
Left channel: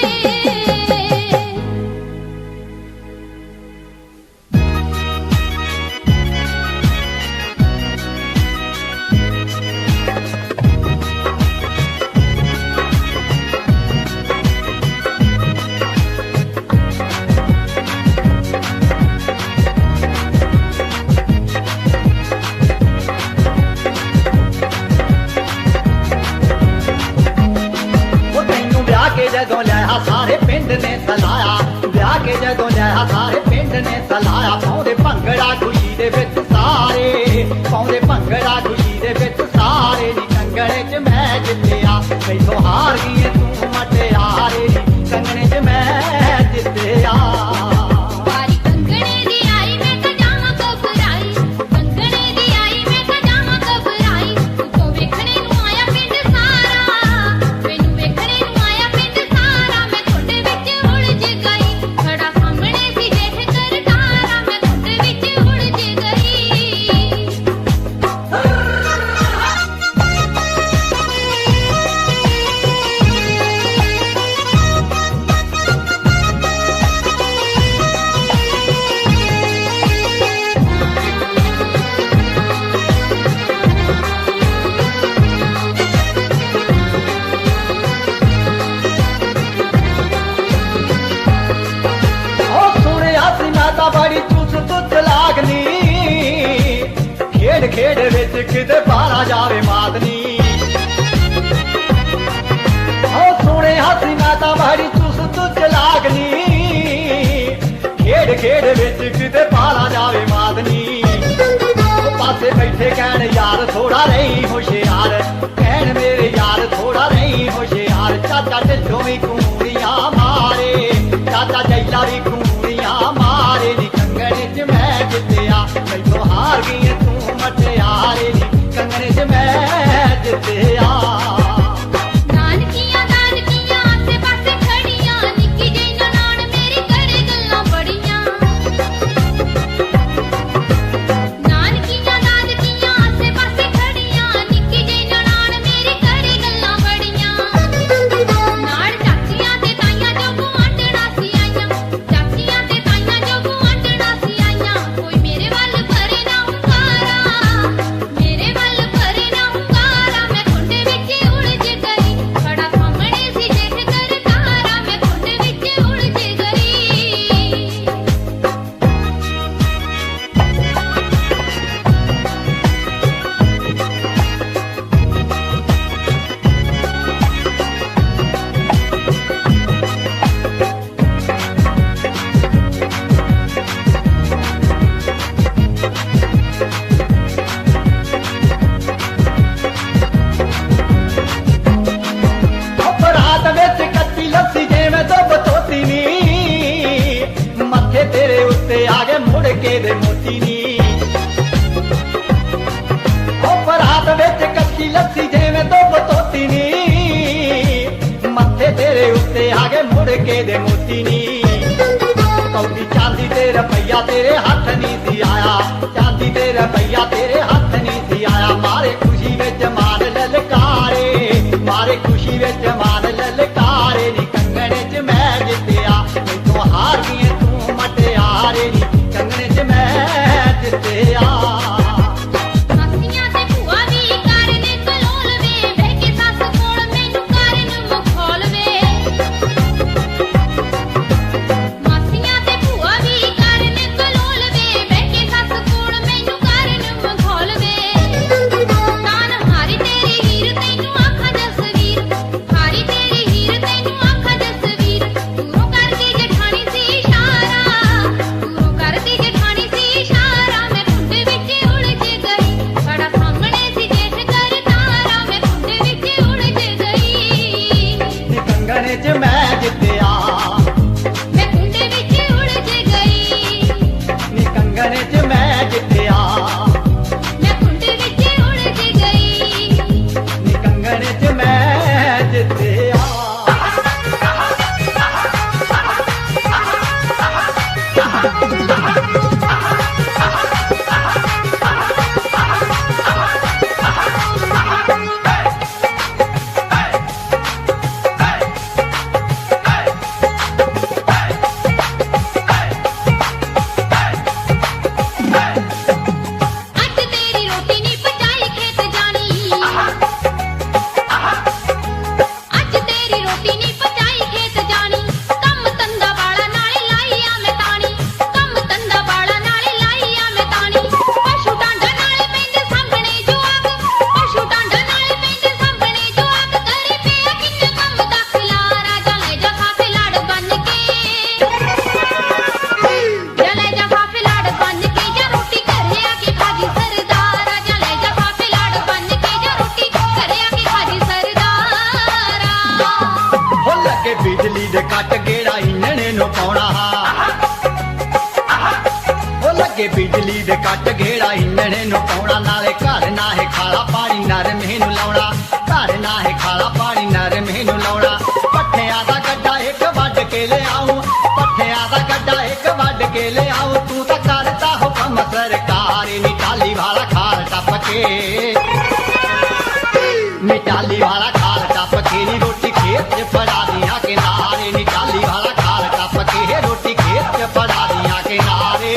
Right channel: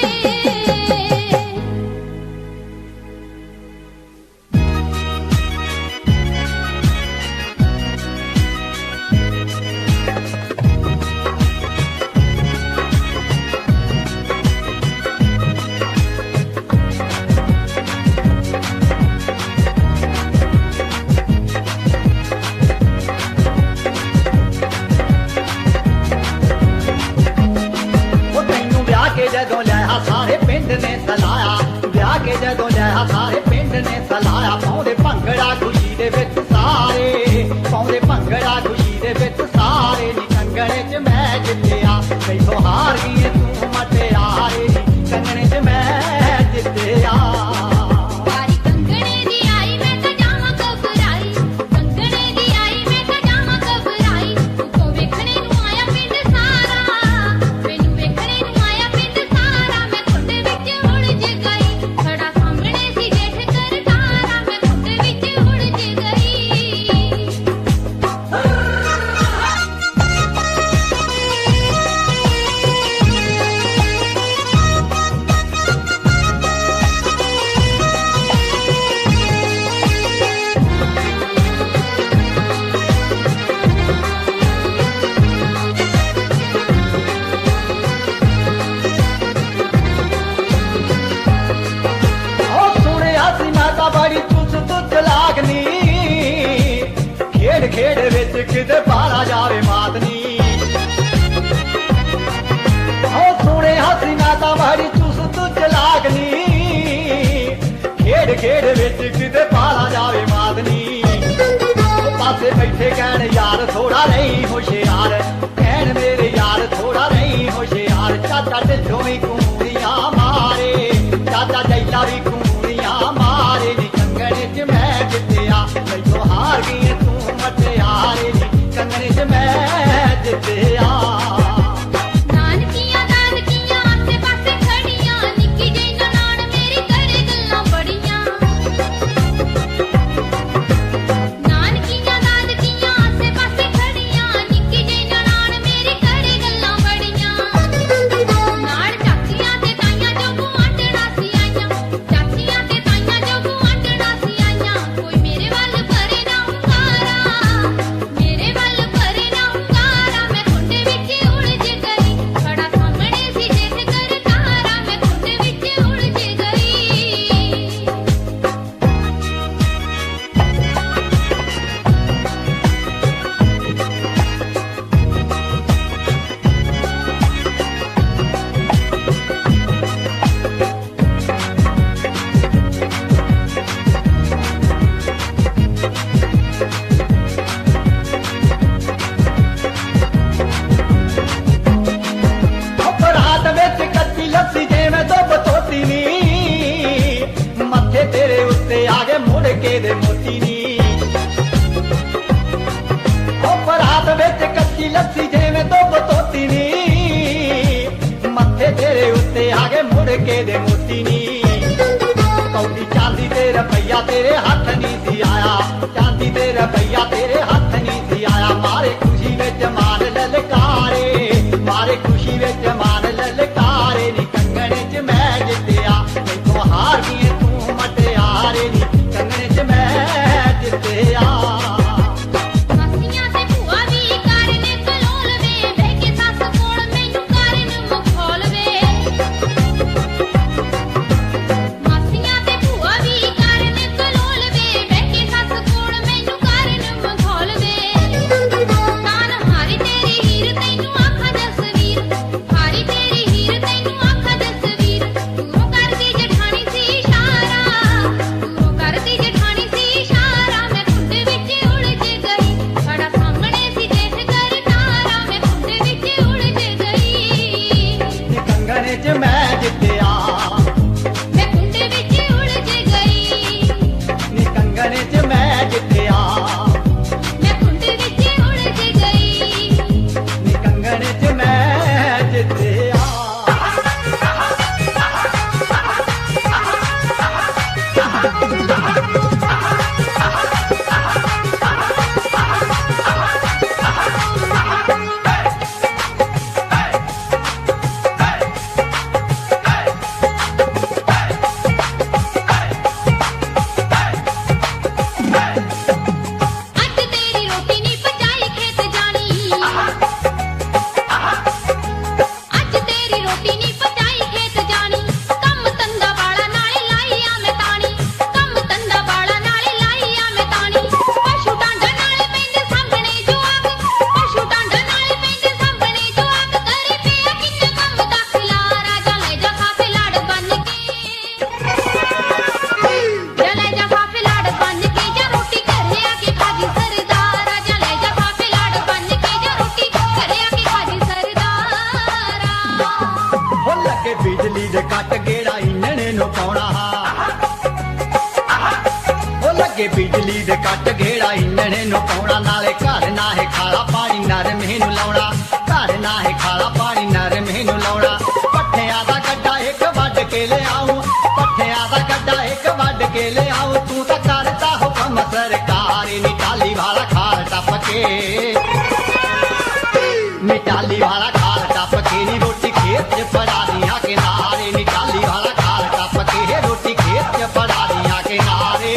ਜਦੋਂ ਲਿਆ ਸਾਰੇ ਪਿੰਡ ਨੇ ਸਲਾਇਆ ਵਿਆਹ ਕੇ ਜਦੋਂ ਲਿਆ ਸਾਰੇ ਪਿੰਡ ਨੇ ਸਲਾਇਆ ਪਾਉਂਦੇ ਭੰਗੜਾ ਖੁਸ਼ੀ ਦੇ ਵਿੱਚ ਸਾਰੇ ਪਾਉਂਦੇ ਭੰਗੜਾ ਖੁਸ਼ੀ ਦੇ ਵਿੱਚ ਸਾਰੇ ਨੀ ਕੰਗਣੇ 'ਚ ਮੈਂ ਜਿੱਤਿਆ ਮੈਥੋਂ ਹਾਰ ਗਈ ਤੂੰ ਮਟਿਆਰੇ ਕੰਗਣੇ 'ਚ ਮੈਂ ਜਿੱਤਿਆ ਵਾਰੀ ਕੰਗਣੇ ਦੀ ਆਈ ਮੈਂ ਤਾਂ ਜਾਵਾਂ ਘਬਰਾਈ ਕੰਗਣੇ ਦੀ ਆਈ ਮੈਂ ਤਾਂ ਜਾਵਾਂ ਘਬਰਾਈ ਤੂੰ ਵੇਖਣੇ ਨੂੰ ਆਇਆ ਪਿੰਡ ਸਾਰਾ ਮੈਨੂੰ ਵੇਖਣੇ ਨੂੰ ਆਇਆ ਪਿੰਡ ਸਾਰਾ ਮੈਂ ਤੁਹਾਡੇ ਵਿੱਚ ਉਲਝ ਗਈ ਖੜਾ ਸਾਹਮਣੇ ਸੀ ਦੇਖ ਕਰਤਾਰਾ ਮੈਂ ਤੁਹਾਡੇ ਵਿੱਚ ਉਲਝ ਗਈ ਉਹ ਸੁਣਿਆ ਸੀ ਮੈਂ ਤਾਂ ਬੜੀ ਚੁੱਤ ਲਾਗਨੀ ਖੇਡ ਖੇਡ ਵਿੱਚ ਕਿਤੇ ਬਾਹਰ ਜਾਵੇ ਮਾਦਨੀ ਉਹ ਸੁਣਿਆ ਸੀ ਮੈਂ ਤਾਂ ਬੜੀ ਚੁੱਤ ਲਾਗਨੀ ਖੇਡ ਖੇਡ ਵਿੱਚ ਕਿਤੇ ਬਾਹਰ ਜਾਵੇ ਮਾਦਨੀ ਉਹ ਪਾਸੇ ਬੈਠੇ ਕਹਿਣ ਯਾਰ ਥੋੜਾ ਰਹੀ ਹੁਸ਼ਿਆਰ ਕਹਿਣ ਮੇਰੇ ਯਾਰ ਥੋੜਾ ਰਹੀ ਹੁਸ਼ਿਆਰ ਚਾਚਾ ਢਿੱਡੋਂ ਵੀ ਕੂੜੀਆਂ ਮਾਰੇ ਚਾਚਾ ਜੈਲਾ ਵੀ ਕੂੜੀਆਂ ਮਾਰੇ ਨੀ ਕੰਗਣੇ 'ਚ ਮੈਂ ਜਿੱਤਿਆ ਮੈਥੋਂ ਹਾਰ ਗਈ ਤੂੰ ਮਟਿਆਰੇ ਨੀ ਕੰਗਣੇ 'ਚ ਮੈਂ ਜਿੱਤਿਆ ਨਾਨਕੀਆਂ ਨਾਨਕੀਆਂ ਆਸੇ ਪਾਸੇ ਖੜੀਆਂ ਨਿੱਕੀ ਜਿਹੀ ਨਨਾਣ ਮੇਰੀ ਕਰੇ ਗੱਲਾਂ ਬੜੀਆਂ ਨਾਨਕੀਆਂ ਨਾਨਕੀਆਂ ਆਸੇ ਪਾਸੇ ਖੜੀਆਂ ਨਿੱਕੀ ਜਿਹੀ ਨਨਾਣ ਮੇਰੀ ਕਰੇ ਗੱਲਾਂ ਬੜੀਆਂ ਨਾਲ ਚਾਚੀਆਂ ਤੇ ਤਾਈਆਂ ਜੋ ਗੁਆਂਢਣਾ ਸੀ ਆਈਆਂ ਚਾਚੀਆਂ ਤੇ ਤਾਈਆਂ ਜੋ ਗੁਆਂਢਣਾ ਸੀ ਆਈਆਂ ਕੋਈ ਮੇਰੇ ਵੱਲ ਭਰੇ ਨਾ ਹੁੰਗਾਰਾ ਮੇਰੇ ਵੱਲ ਭਰੇ ਨਾ ਹੁੰਗਾਰਾ ਮੈਂ ਤੁਹਾਡੇ ਵਿੱਚ ਉਲਝ ਗਈ ਖੜਾ ਸਾਹਮਣੇ ਸੀ ਦੇਖ ਕਰਤਾਰਾ ਮੈਂ ਤੁਹਾਡੇ ਵਿੱਚ ਉਲਝ ਗਈ ਅਪਰਾਧ ਵਿੱਚ ਕੱਤੀ ਲੱਸੀ ਜਿਵੇਂ ਦੁੱਬ ਧੋਤੀ ਨੀ ਮੱਥੇ ਤੇਰੇ ਉੱਤੇ ਆ ਗਏ ਮੁੜ ਕੇ ਦੇ ਮੋਤੀ ਨੀ ਅਪਰਾਧ ਵਿੱਚ ਕੱਤੀ ਲੱਸੀ ਜਿਵੇਂ ਦੁੱਬ ਧੋਤੀ ਨੀ ਮੱਥੇ ਤੇਰੇ ਉੱਤੇ ਆ ਗਏ ਮੁੜ ਕੇ ਦੇ ਮੋਤੀ ਨੀ ਕੌਡੀ ਚਾਂਦੀ ਤੇ ਰੁਪਈਆ ਤੇਰੇ ਹੱਥ ਨਹੀਂ ਸੀ ਆਇਆ ਚਾਂਦੀ ਤੇ ਰੁਪਈਆ ਤੇਰੇ ਹੱਥ ਨਹੀਂ ਸੀ ਆਇਆ ਮਾਰੇ ਖੁਸ਼ੀ ਵਿੱਚ ਮਾਰ ਲਲਕਾਰੇ ਮਾਰੇ ਖੁਸ਼ੀ ਵਿੱਚ ਮਾਰ ਲਲਕਾਰੇ ਨੀ ਕੰਗਣੇ 'ਚ ਮੈਂ ਜਿੱਤਿਆ ਮੈਥੋਂ ਹਾਰ ਗਈ ਤੂੰ ਮਟਿਆਰੇ ਨੀ ਕੰਗਣੇ 'ਚ ਮੈਂ ਜਿੱਤਿਆ ਮਾਸੀਆਂ ਤੇ ਭੂਆ ਵੀ ਕਰਨੇ ਕਲੋਲ ਵੇ ਬੇਟੀ ਸੱਸ ਕੋਲ ਮੈਨੂੰ ਕਰਨ ਮਖੌਲ ਵੇ ਮਾਸੀਆਂ ਤੇ ਭੂਆ ਵੀ ਕਰਨੇ ਕਲੋਲ ਵੇ ਬੇਟੀ ਸੱਸ ਕੋਲ ਮੈਨੂੰ ਕਰਨ ਮਖੌਲ ਵੇ ਤਾਨ ਹਾਰੀ ਤੇਰੀ ਹੀਰ ਤੈਨੂੰ ਆਖਾਂ ਜਸਵੀਰ ਹਾਰੀ ਤੇਰੀ ਹੀਰ ਤੈਨੂੰ ਆਖਾਂ ਜਸਵੀਰ ਦੂਰੋਂ ਕਰਦੀ ਜਠਾਣੀ ਸੀ ਇਸ਼ਾਰਾ ਦੂਰੋਂ ਕਰਦੀ ਜਠਾਣੀ ਸੀ ਇਸ਼ਾਰਾ ਮੈਂ ਤੁਹਾਡੇ ਵਿੱਚ ਉਲਝ ਗਈ ਖੜਾ ਸਾਹਮਣੇ ਸੀ ਦੇਖ ਕਰਤਾਰਾ ਮੈਂ ਤੁਹਾਡੇ ਵਿੱਚ ਉਲਝ ਗਈ ਨੀ ਕੰਗਣੇ 'ਚ ਮੈਂ ਜਿੱਤਿਆ ਮੈਂ ਤੁਹਾਡੇ ਵਿੱਚ ਉਲਝ ਗਈ ਨੀ ਕੰਗਣੇ 'ਚ ਮੈਂ ਜਿੱਤਿਆ ਮੈਂ ਤੁਹਾਡੇ ਵਿੱਚ ਉਲਝ ਗਈ ਨੀ ਕੰਗਣੇ 'ਚ ਮੈਂ ਜਿੱਤਿਆ ਅੱਜ ਤੇਰੀ ਰੋਟੀ ਨਹੀਂ ਪਕਾਈ ਖੇਤ ਜਾਣੀ ਅੱਜ ਤੇਰੀ ਰੋਟੀ ਨਹੀਂ ਪਕਾਈ ਖੇਤ ਜਾਣੀ ਕੰਮ ਤੰਦਾ ਵਾਲਾ ਨਾਲੇ ਲਾਈਆ ਮੈਂ ਤਾਣੀ ਕੰਮ ਤੰਦਾ ਵਾਲਾ ਨਾਲੇ ਲਾਈਆ ਮੈਂ ਤਾਣੀ ਪਸ਼ੂ ਡਾਂਡਾ ਨਾਲੇ ਪੈਂਦੇ ਸਾਹਮਣੇ ਜਵਾਕ ਪਸ਼ੂ ਡਾਂਡਾ ਨਾਲੇ ਪੈਂਦੇ ਸਾਹਮਣੇ ਜਵਾਕ ਕਰੀ ਪਿਆ ਕਿੰਨੇ ਕੰਮ ਦਾ ਖਿਲਾਰਾ ਜਾਂ ਲੈ ਦੇ ਕੱਟ ਗੇੜਾ ਇੰਨੇ ਨੂੰ ਪਾਉਣਾ ਉਹ ਲੱਗੇ ਬਿਜਲੀ ਦੇ ਕੱਟ ਗੇੜਾ ਇੰਨੇ ਨੂੰ ਪਾਉਣਾ ਨਾਲੇ ਘਰ ਨਾ ਹੈ ਖਾਲਾ ਪਾਣੀ ਨਰਮੇ ਨੂੰ ਲਾਉਣਾ ਘਰ ਨਾ ਹੈ ਖਾਲਾ ਪਾਣੀ ਨਰਮੇ ਨੂੰ ਲਾਉਣਾ ਪੱਠਿਆਂ ਦਾ ਗੱਡਾ ਇੱਕ ਵੱਢ ਕੇ ਲਿਆਉ ਪੱਠਿਆਂ ਦਾ ਗੱਡਾ ਇੱਕ ਵੱਢ ਕੇ ਲਿਆਉ ਤੂੰ ਤਾਂ ਕਰਦਾ ਹੁਕਮ ਸਰਕਾਰ ਨਿਕਾਲੀ ਵਾਲਾ ਖਾਲ ਟੱਪ ਕੇ ਨਿਕਾਲੀ ਵਾਲਾ ਖਾਲ ਟੱਪ ਕੇ ਨੀ ਰੋਟੀ ਖੇਤ 'ਚ ਫੜਾ ਦੀਆਂ ਕਿਨਾਰੇ ਨਿਕਾਲੀ ਵਾਲਾ ਖਾਲ ਟੱਪ ਕੇ ਰੋਟੀ ਖੇਤ 'ਚ ਫੜਾ ਦੀਆਂ ਕਿਨਾਰੇ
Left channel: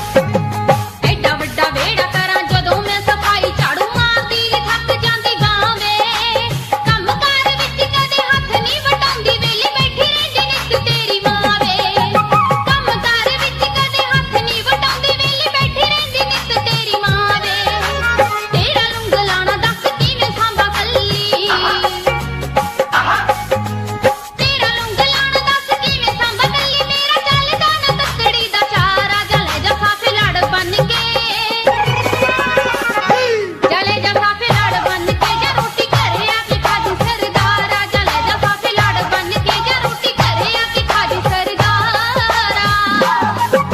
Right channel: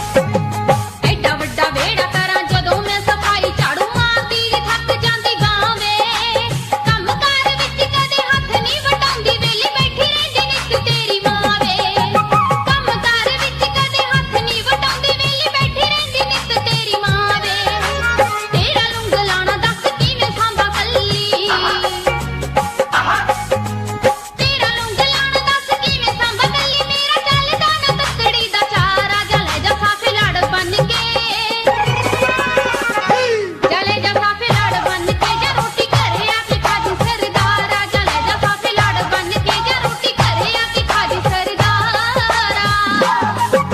ਐਡਾ ਵੱਡਾ ਵਿਹੜਾ ਕਰਾਂ ਜਦੋਂ ਮੈਂ ਸਫਾਈ ਝਾੜੂ ਮਾਰਦੀ ਨੀ ਥੱਕ ਜਾਂਦੀ ਬਾਂਹ ਵੇ ਕੰਮ ਕਾਰ ਵਿੱਚ ਕਦੇ ਹੱਥ ਨਹੀਂ ਵਟਾਉਂਦੀ ਵਿਹਲੀ ਬੈਠੀ ਰਹਿੰਦੀ ਨਿੱਤ ਤੇਰੀ ਮਾਂ ਵੇ ਕੰਮ ਕਾਰ ਵਿੱਚ ਕਦੇ ਹੱਥ ਨਹੀਂ ਵਟਾਉਂਦੀ ਵਿਹਲੀ ਬੈਠੀ ਰਹਿੰਦੀ ਨਿੱਤ ਤੇਰੀ ਮਾਂ ਵੇ ਤੇਰਾ ਲੂੰਗ ਲਾਣਾ ਦੱਸ ਕਿਵੇਂ ਸਾਂਭਾ ਕੱਲੀ ਤੇਰਾ ਲੂੰਗ ਲਾਣਾ ਦੱਸ ਕਿਵੇਂ ਸਾਂਭਾ ਕੱਲੀ ਮੇਰਾ ਚੱਲਦਾ ਨਾ ਤੱਕੜੀ ਦਾ ਚਾਰਾ ਜਲੇ ਜਫਾ ਫਿਲੜ ਬਣ ਕੇ ਜਲੇ ਜਫਾ ਫਿਲੜ ਬਣ ਕੇ ਜੇ ਰੋਟੀ ਘਰੇ ਆ ਕੇ ਖਾਜੂ ਸਰਦਾਰਾ ਜਲੇ ਜਫਾ ਫਿਲੜ ਬਣ ਕੇ ਜੇ ਰੋਟੀ ਘਰੇ ਆ ਕੇ ਖਾਜੂ ਸਰਦਾਰਾ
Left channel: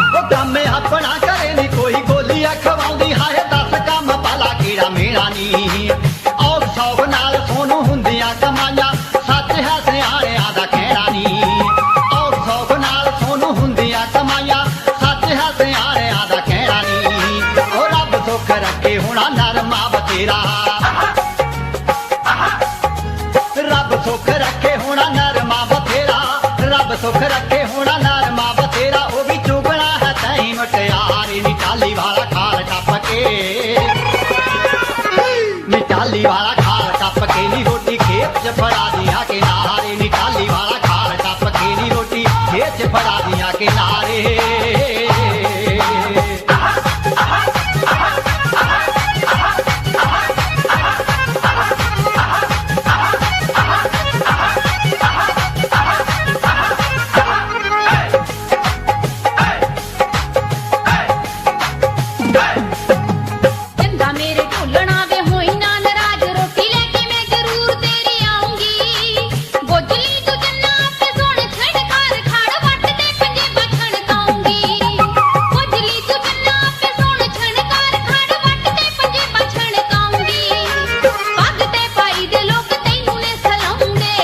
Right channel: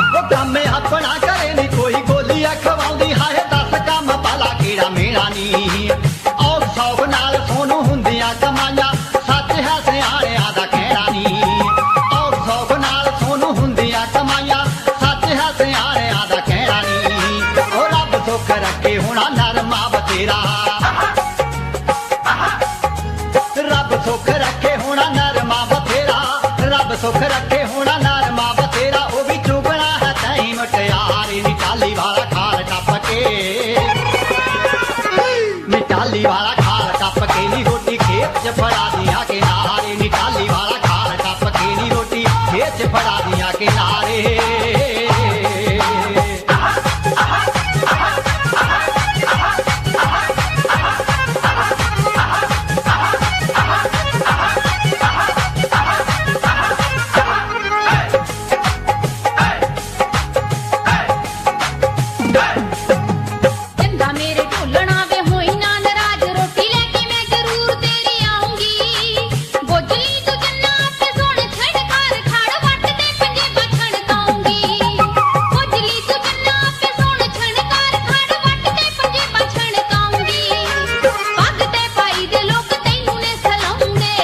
ਉਹ ਕੰਮ ਆਪਣਾ ਕਰੇ ਨੀ ਕੋਈ ਬੋਲੀਆ ਖਵਾਉਂਦੀ ਹਾਏ ਦੱਸ ਕੰਮ ਭਲਾ ਕਿਹੜਾ ਮੇਰਾ ਨੀ ਔਰ ਸੌਬ ਨਾਲ ਸੋਨੂੰ ਹੁੰਦੀਆਂ ਕਮਾਈਆਂ ਸੱਚ ਹੈ ਸਿਆਣਿਆਂ ਦਾ ਕਹਿਣਾ ਨੀ ਔਰ ਸੌਬ ਨਾਲ ਸੋਨੂੰ ਹੁੰਦੀਆਂ ਕਮਾਈਆਂ ਸੱਚ ਹੈ ਸਿਆਣਿਆਂ ਦਾ ਕਹਿਣਾ ਨੀ ਉਹ ਰੱਬ ਸੁੱਖ ਰੱਖੇ ਹੋਣਾ ਨਰਮਾ ਬਥੇਰਾ ਰੱਬ ਸੁੱਖ ਰੱਖੇ ਹੋਣਾ ਨਰਮਾ ਬਥੇਰਾ ਰੱਬ ਸੁੱਖ ਰੱਖੇ ਹੋਣਾ ਨਰਮਾ ਬਥੇਰਾ ਉਹ ਵੀ ਚੁਗਣਾ ਹੈ ਤੈਨੂੰ ਮਟਿਆਰੀ ਨਿਕਾਲੀ ਵਾਲਾ ਖਾਲ ਟੱਪ ਕੇ ਨਿਕਾਲੀ ਵਾਲਾ ਖਾਲ ਟੱਪ ਕੇ ਨੀ ਰੋਟੀ ਖੇਤ 'ਚ ਫੜਾ ਦੀਆਂ ਕਿਨਾਰੇ ਨਿਕਾਲੀ ਵਾਲਾ ਖਾਲ ਟੱਪ ਕੇ ਨੀ ਰੋਟੀ ਖੇਤ 'ਚ ਫੜਾ ਦੀਆਂ ਕਿਨਾਰੇ ਚੰਗਾ ਮੇਰੇ ਢੋਲਣਾ ਵੇ ਹੋਈ ਨਾ ਨਾਰਾਜ਼ ਰੋਟੀ ਲੈ ਕੇ ਮੈਂ ਜ਼ਰੂਰ ਤੇਰੇ ਆਉਂਗੀ ਗੋਜਲੀ ਤੂੰ ਜੰਨਾ ਆਪੇ ਸੋਹਣੇ ਛਣਕਾਰ ਖਾੜ ਵੱਟ ਤੇ ਪੰਜੇ ਬਛਣ ਕਾਉਂਗੀ ਗੋਜਲੀ ਤੂੰ ਜੰਨਾ ਆਪੇ ਸੋਹਣੇ ਛਣਕਾਰ ਖਾੜ ਵੱਟ ਤੇ ਪੰਜੇ ਬਛਣ ਕਾਉਂਗੀ ਪੱਗ ਤੇ ਪਾਈ ਦੇ ਲੋਕ ਤੈਨੂੰ ਨੇ ਸਲਾਉਂਦੇ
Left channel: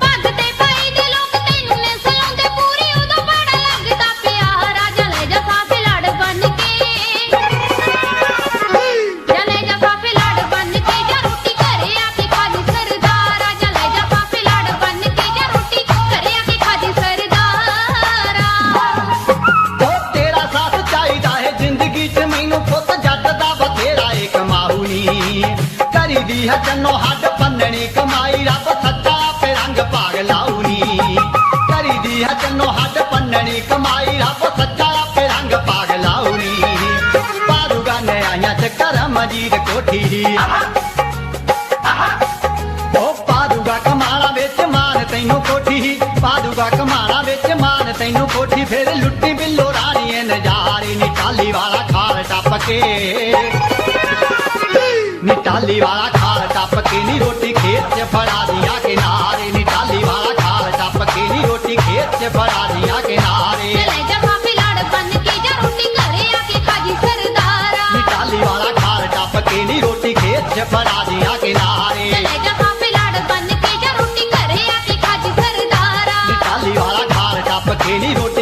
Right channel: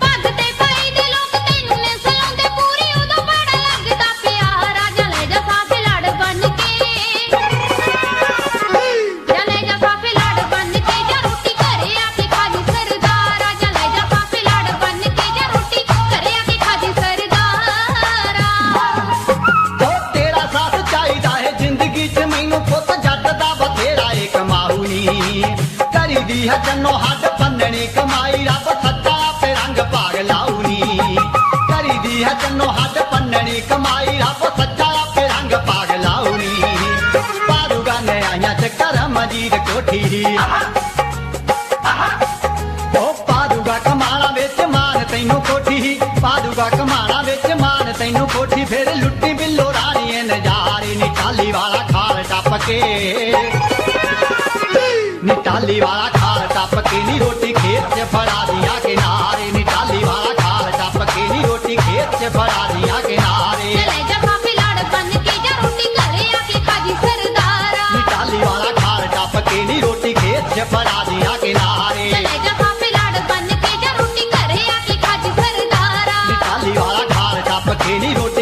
ਪੱਗ ਤੇ ਪਾਈ ਦੇ ਲੋਕ ਤੈਨੂੰ ਨੇ ਸਲਾਉਂਦੇ ਪੂਰੀ ਉਦੋਂ ਬੜਾ ਲੱਗਦਾ ਪਿਆਰਾ ਜਲੇ ਜਫਾ ਫਿਲੜ ਬਣ ਕੇ ਜਲੇ ਜਫਾ ਫਿਲੜ ਬਣ ਕੇ ਜੇ ਰੋਟੀ ਘਰੇ ਆ ਕੇ ਖਾਜੂ ਸਰਦਾਰਾ ਜਲੇ ਜਫਾ ਫਿਲੜ ਬਣ ਕੇ ਜੇ ਰੋਟੀ ਘਰੇ ਆ ਕੇ ਖਾਜੂ ਸਰਦਾਰਾ ਉਹ ਤੇਰਾ ਸਾਥ ਚਾਹੀਦਾ ਹੈ ਜ਼ਿੰਦਗੀ 'ਚ ਮੈਨੂੰ ਪੁੱਤ ਜੱਟ ਦਾ ਬਥੇਰਾ ਏ ਕਮਾਊ ਨੀ ਕਰੀਦੀ ਹੈ ਜੰਨੋ ਹੱਡ ਪੰਨਣੀ ਕਮਾਈ ਰੱਬ ਸੱਚਾ ਆਪੇ ਰੰਗ ਭਾਗ ਲਾਊ ਨੀ ਕਰੀਦੀ ਹੈ ਜੰਨੋ ਹੱਡ ਪੰਨਣੀ ਕਮਾਈ ਰੱਬ ਸੱਚਾ ਆਪੇ ਰੰਗ ਭਾਗ ਲਾਊ ਨੀ ਪਾਦੂਗਾ ਨਿਆਈਆਂ 'ਚ ਕਰਮ ਜੀਤ ਕੋਠੀ ਦੀ ਉਹ ਪਾਦੂਗਾ ਕਮਾਲਾਂ ਵਿੱਚ ਮਾਨ ਤੈਨੂੰ ਕੋਠੀ ਪਾਦੂਗਾ ਕਮਾਲਾਂ ਵਿੱਚ ਮਾਨ ਤੈਨੂੰ ਕੋਠੀ ਫਿਰ ਲੁੱਟੀ ਬਿੱਲੋ ਰਾਣੀਏ ਨਜ਼ਾਰੇ ਨਿਕਾਲੀ ਵਾਲਾ ਖਾਲ ਟੱਪ ਕੇ ਨਿਕਾਲੀ ਵਾਲਾ ਖਾਲ ਟੱਪ ਕੇ ਨੀ ਰੋਟੀ ਖੇਤ 'ਚ ਫੜਾ ਦੀਆਂ ਕਿਨਾਰੇ ਨਿਕਾਲੀ ਵਾਲਾ ਖਾਲ ਟੱਪ ਕੇ ਨੀ ਰੋਟੀ ਖੇਤ 'ਚ ਫੜਾ ਦੀਆਂ ਕਿਨਾਰੇ ਜਲੇ ਜਫਾ ਫਿਲੜ ਬਣ ਕੇ ਜੇ ਰੋਟੀ ਘਰੇ ਆ ਕੇ ਖਾਜੂ ਸਰਦਾਰਾ ਨਿਕਾਲੀ ਵਾਲਾ ਖਾਲ ਟੱਪ ਕੇ ਨੀ ਰੋਟੀ ਖੇਤ 'ਚ ਫੜਾ ਦੀਆਂ ਕਿਨਾਰੇ ਜਲੇ ਜਫਾ ਫਿਲੜ ਬਣ ਕੇ ਜੇ ਰੋਟੀ ਘਰੇ ਆ ਕੇ ਖਾਜੂ ਸਰਦਾਰਾ ਨਿਕਾਲੀ ਵਾਲਾ ਖਾਲ ਟੱਪ ਕੇ ਨੀ ਰੋਟੀ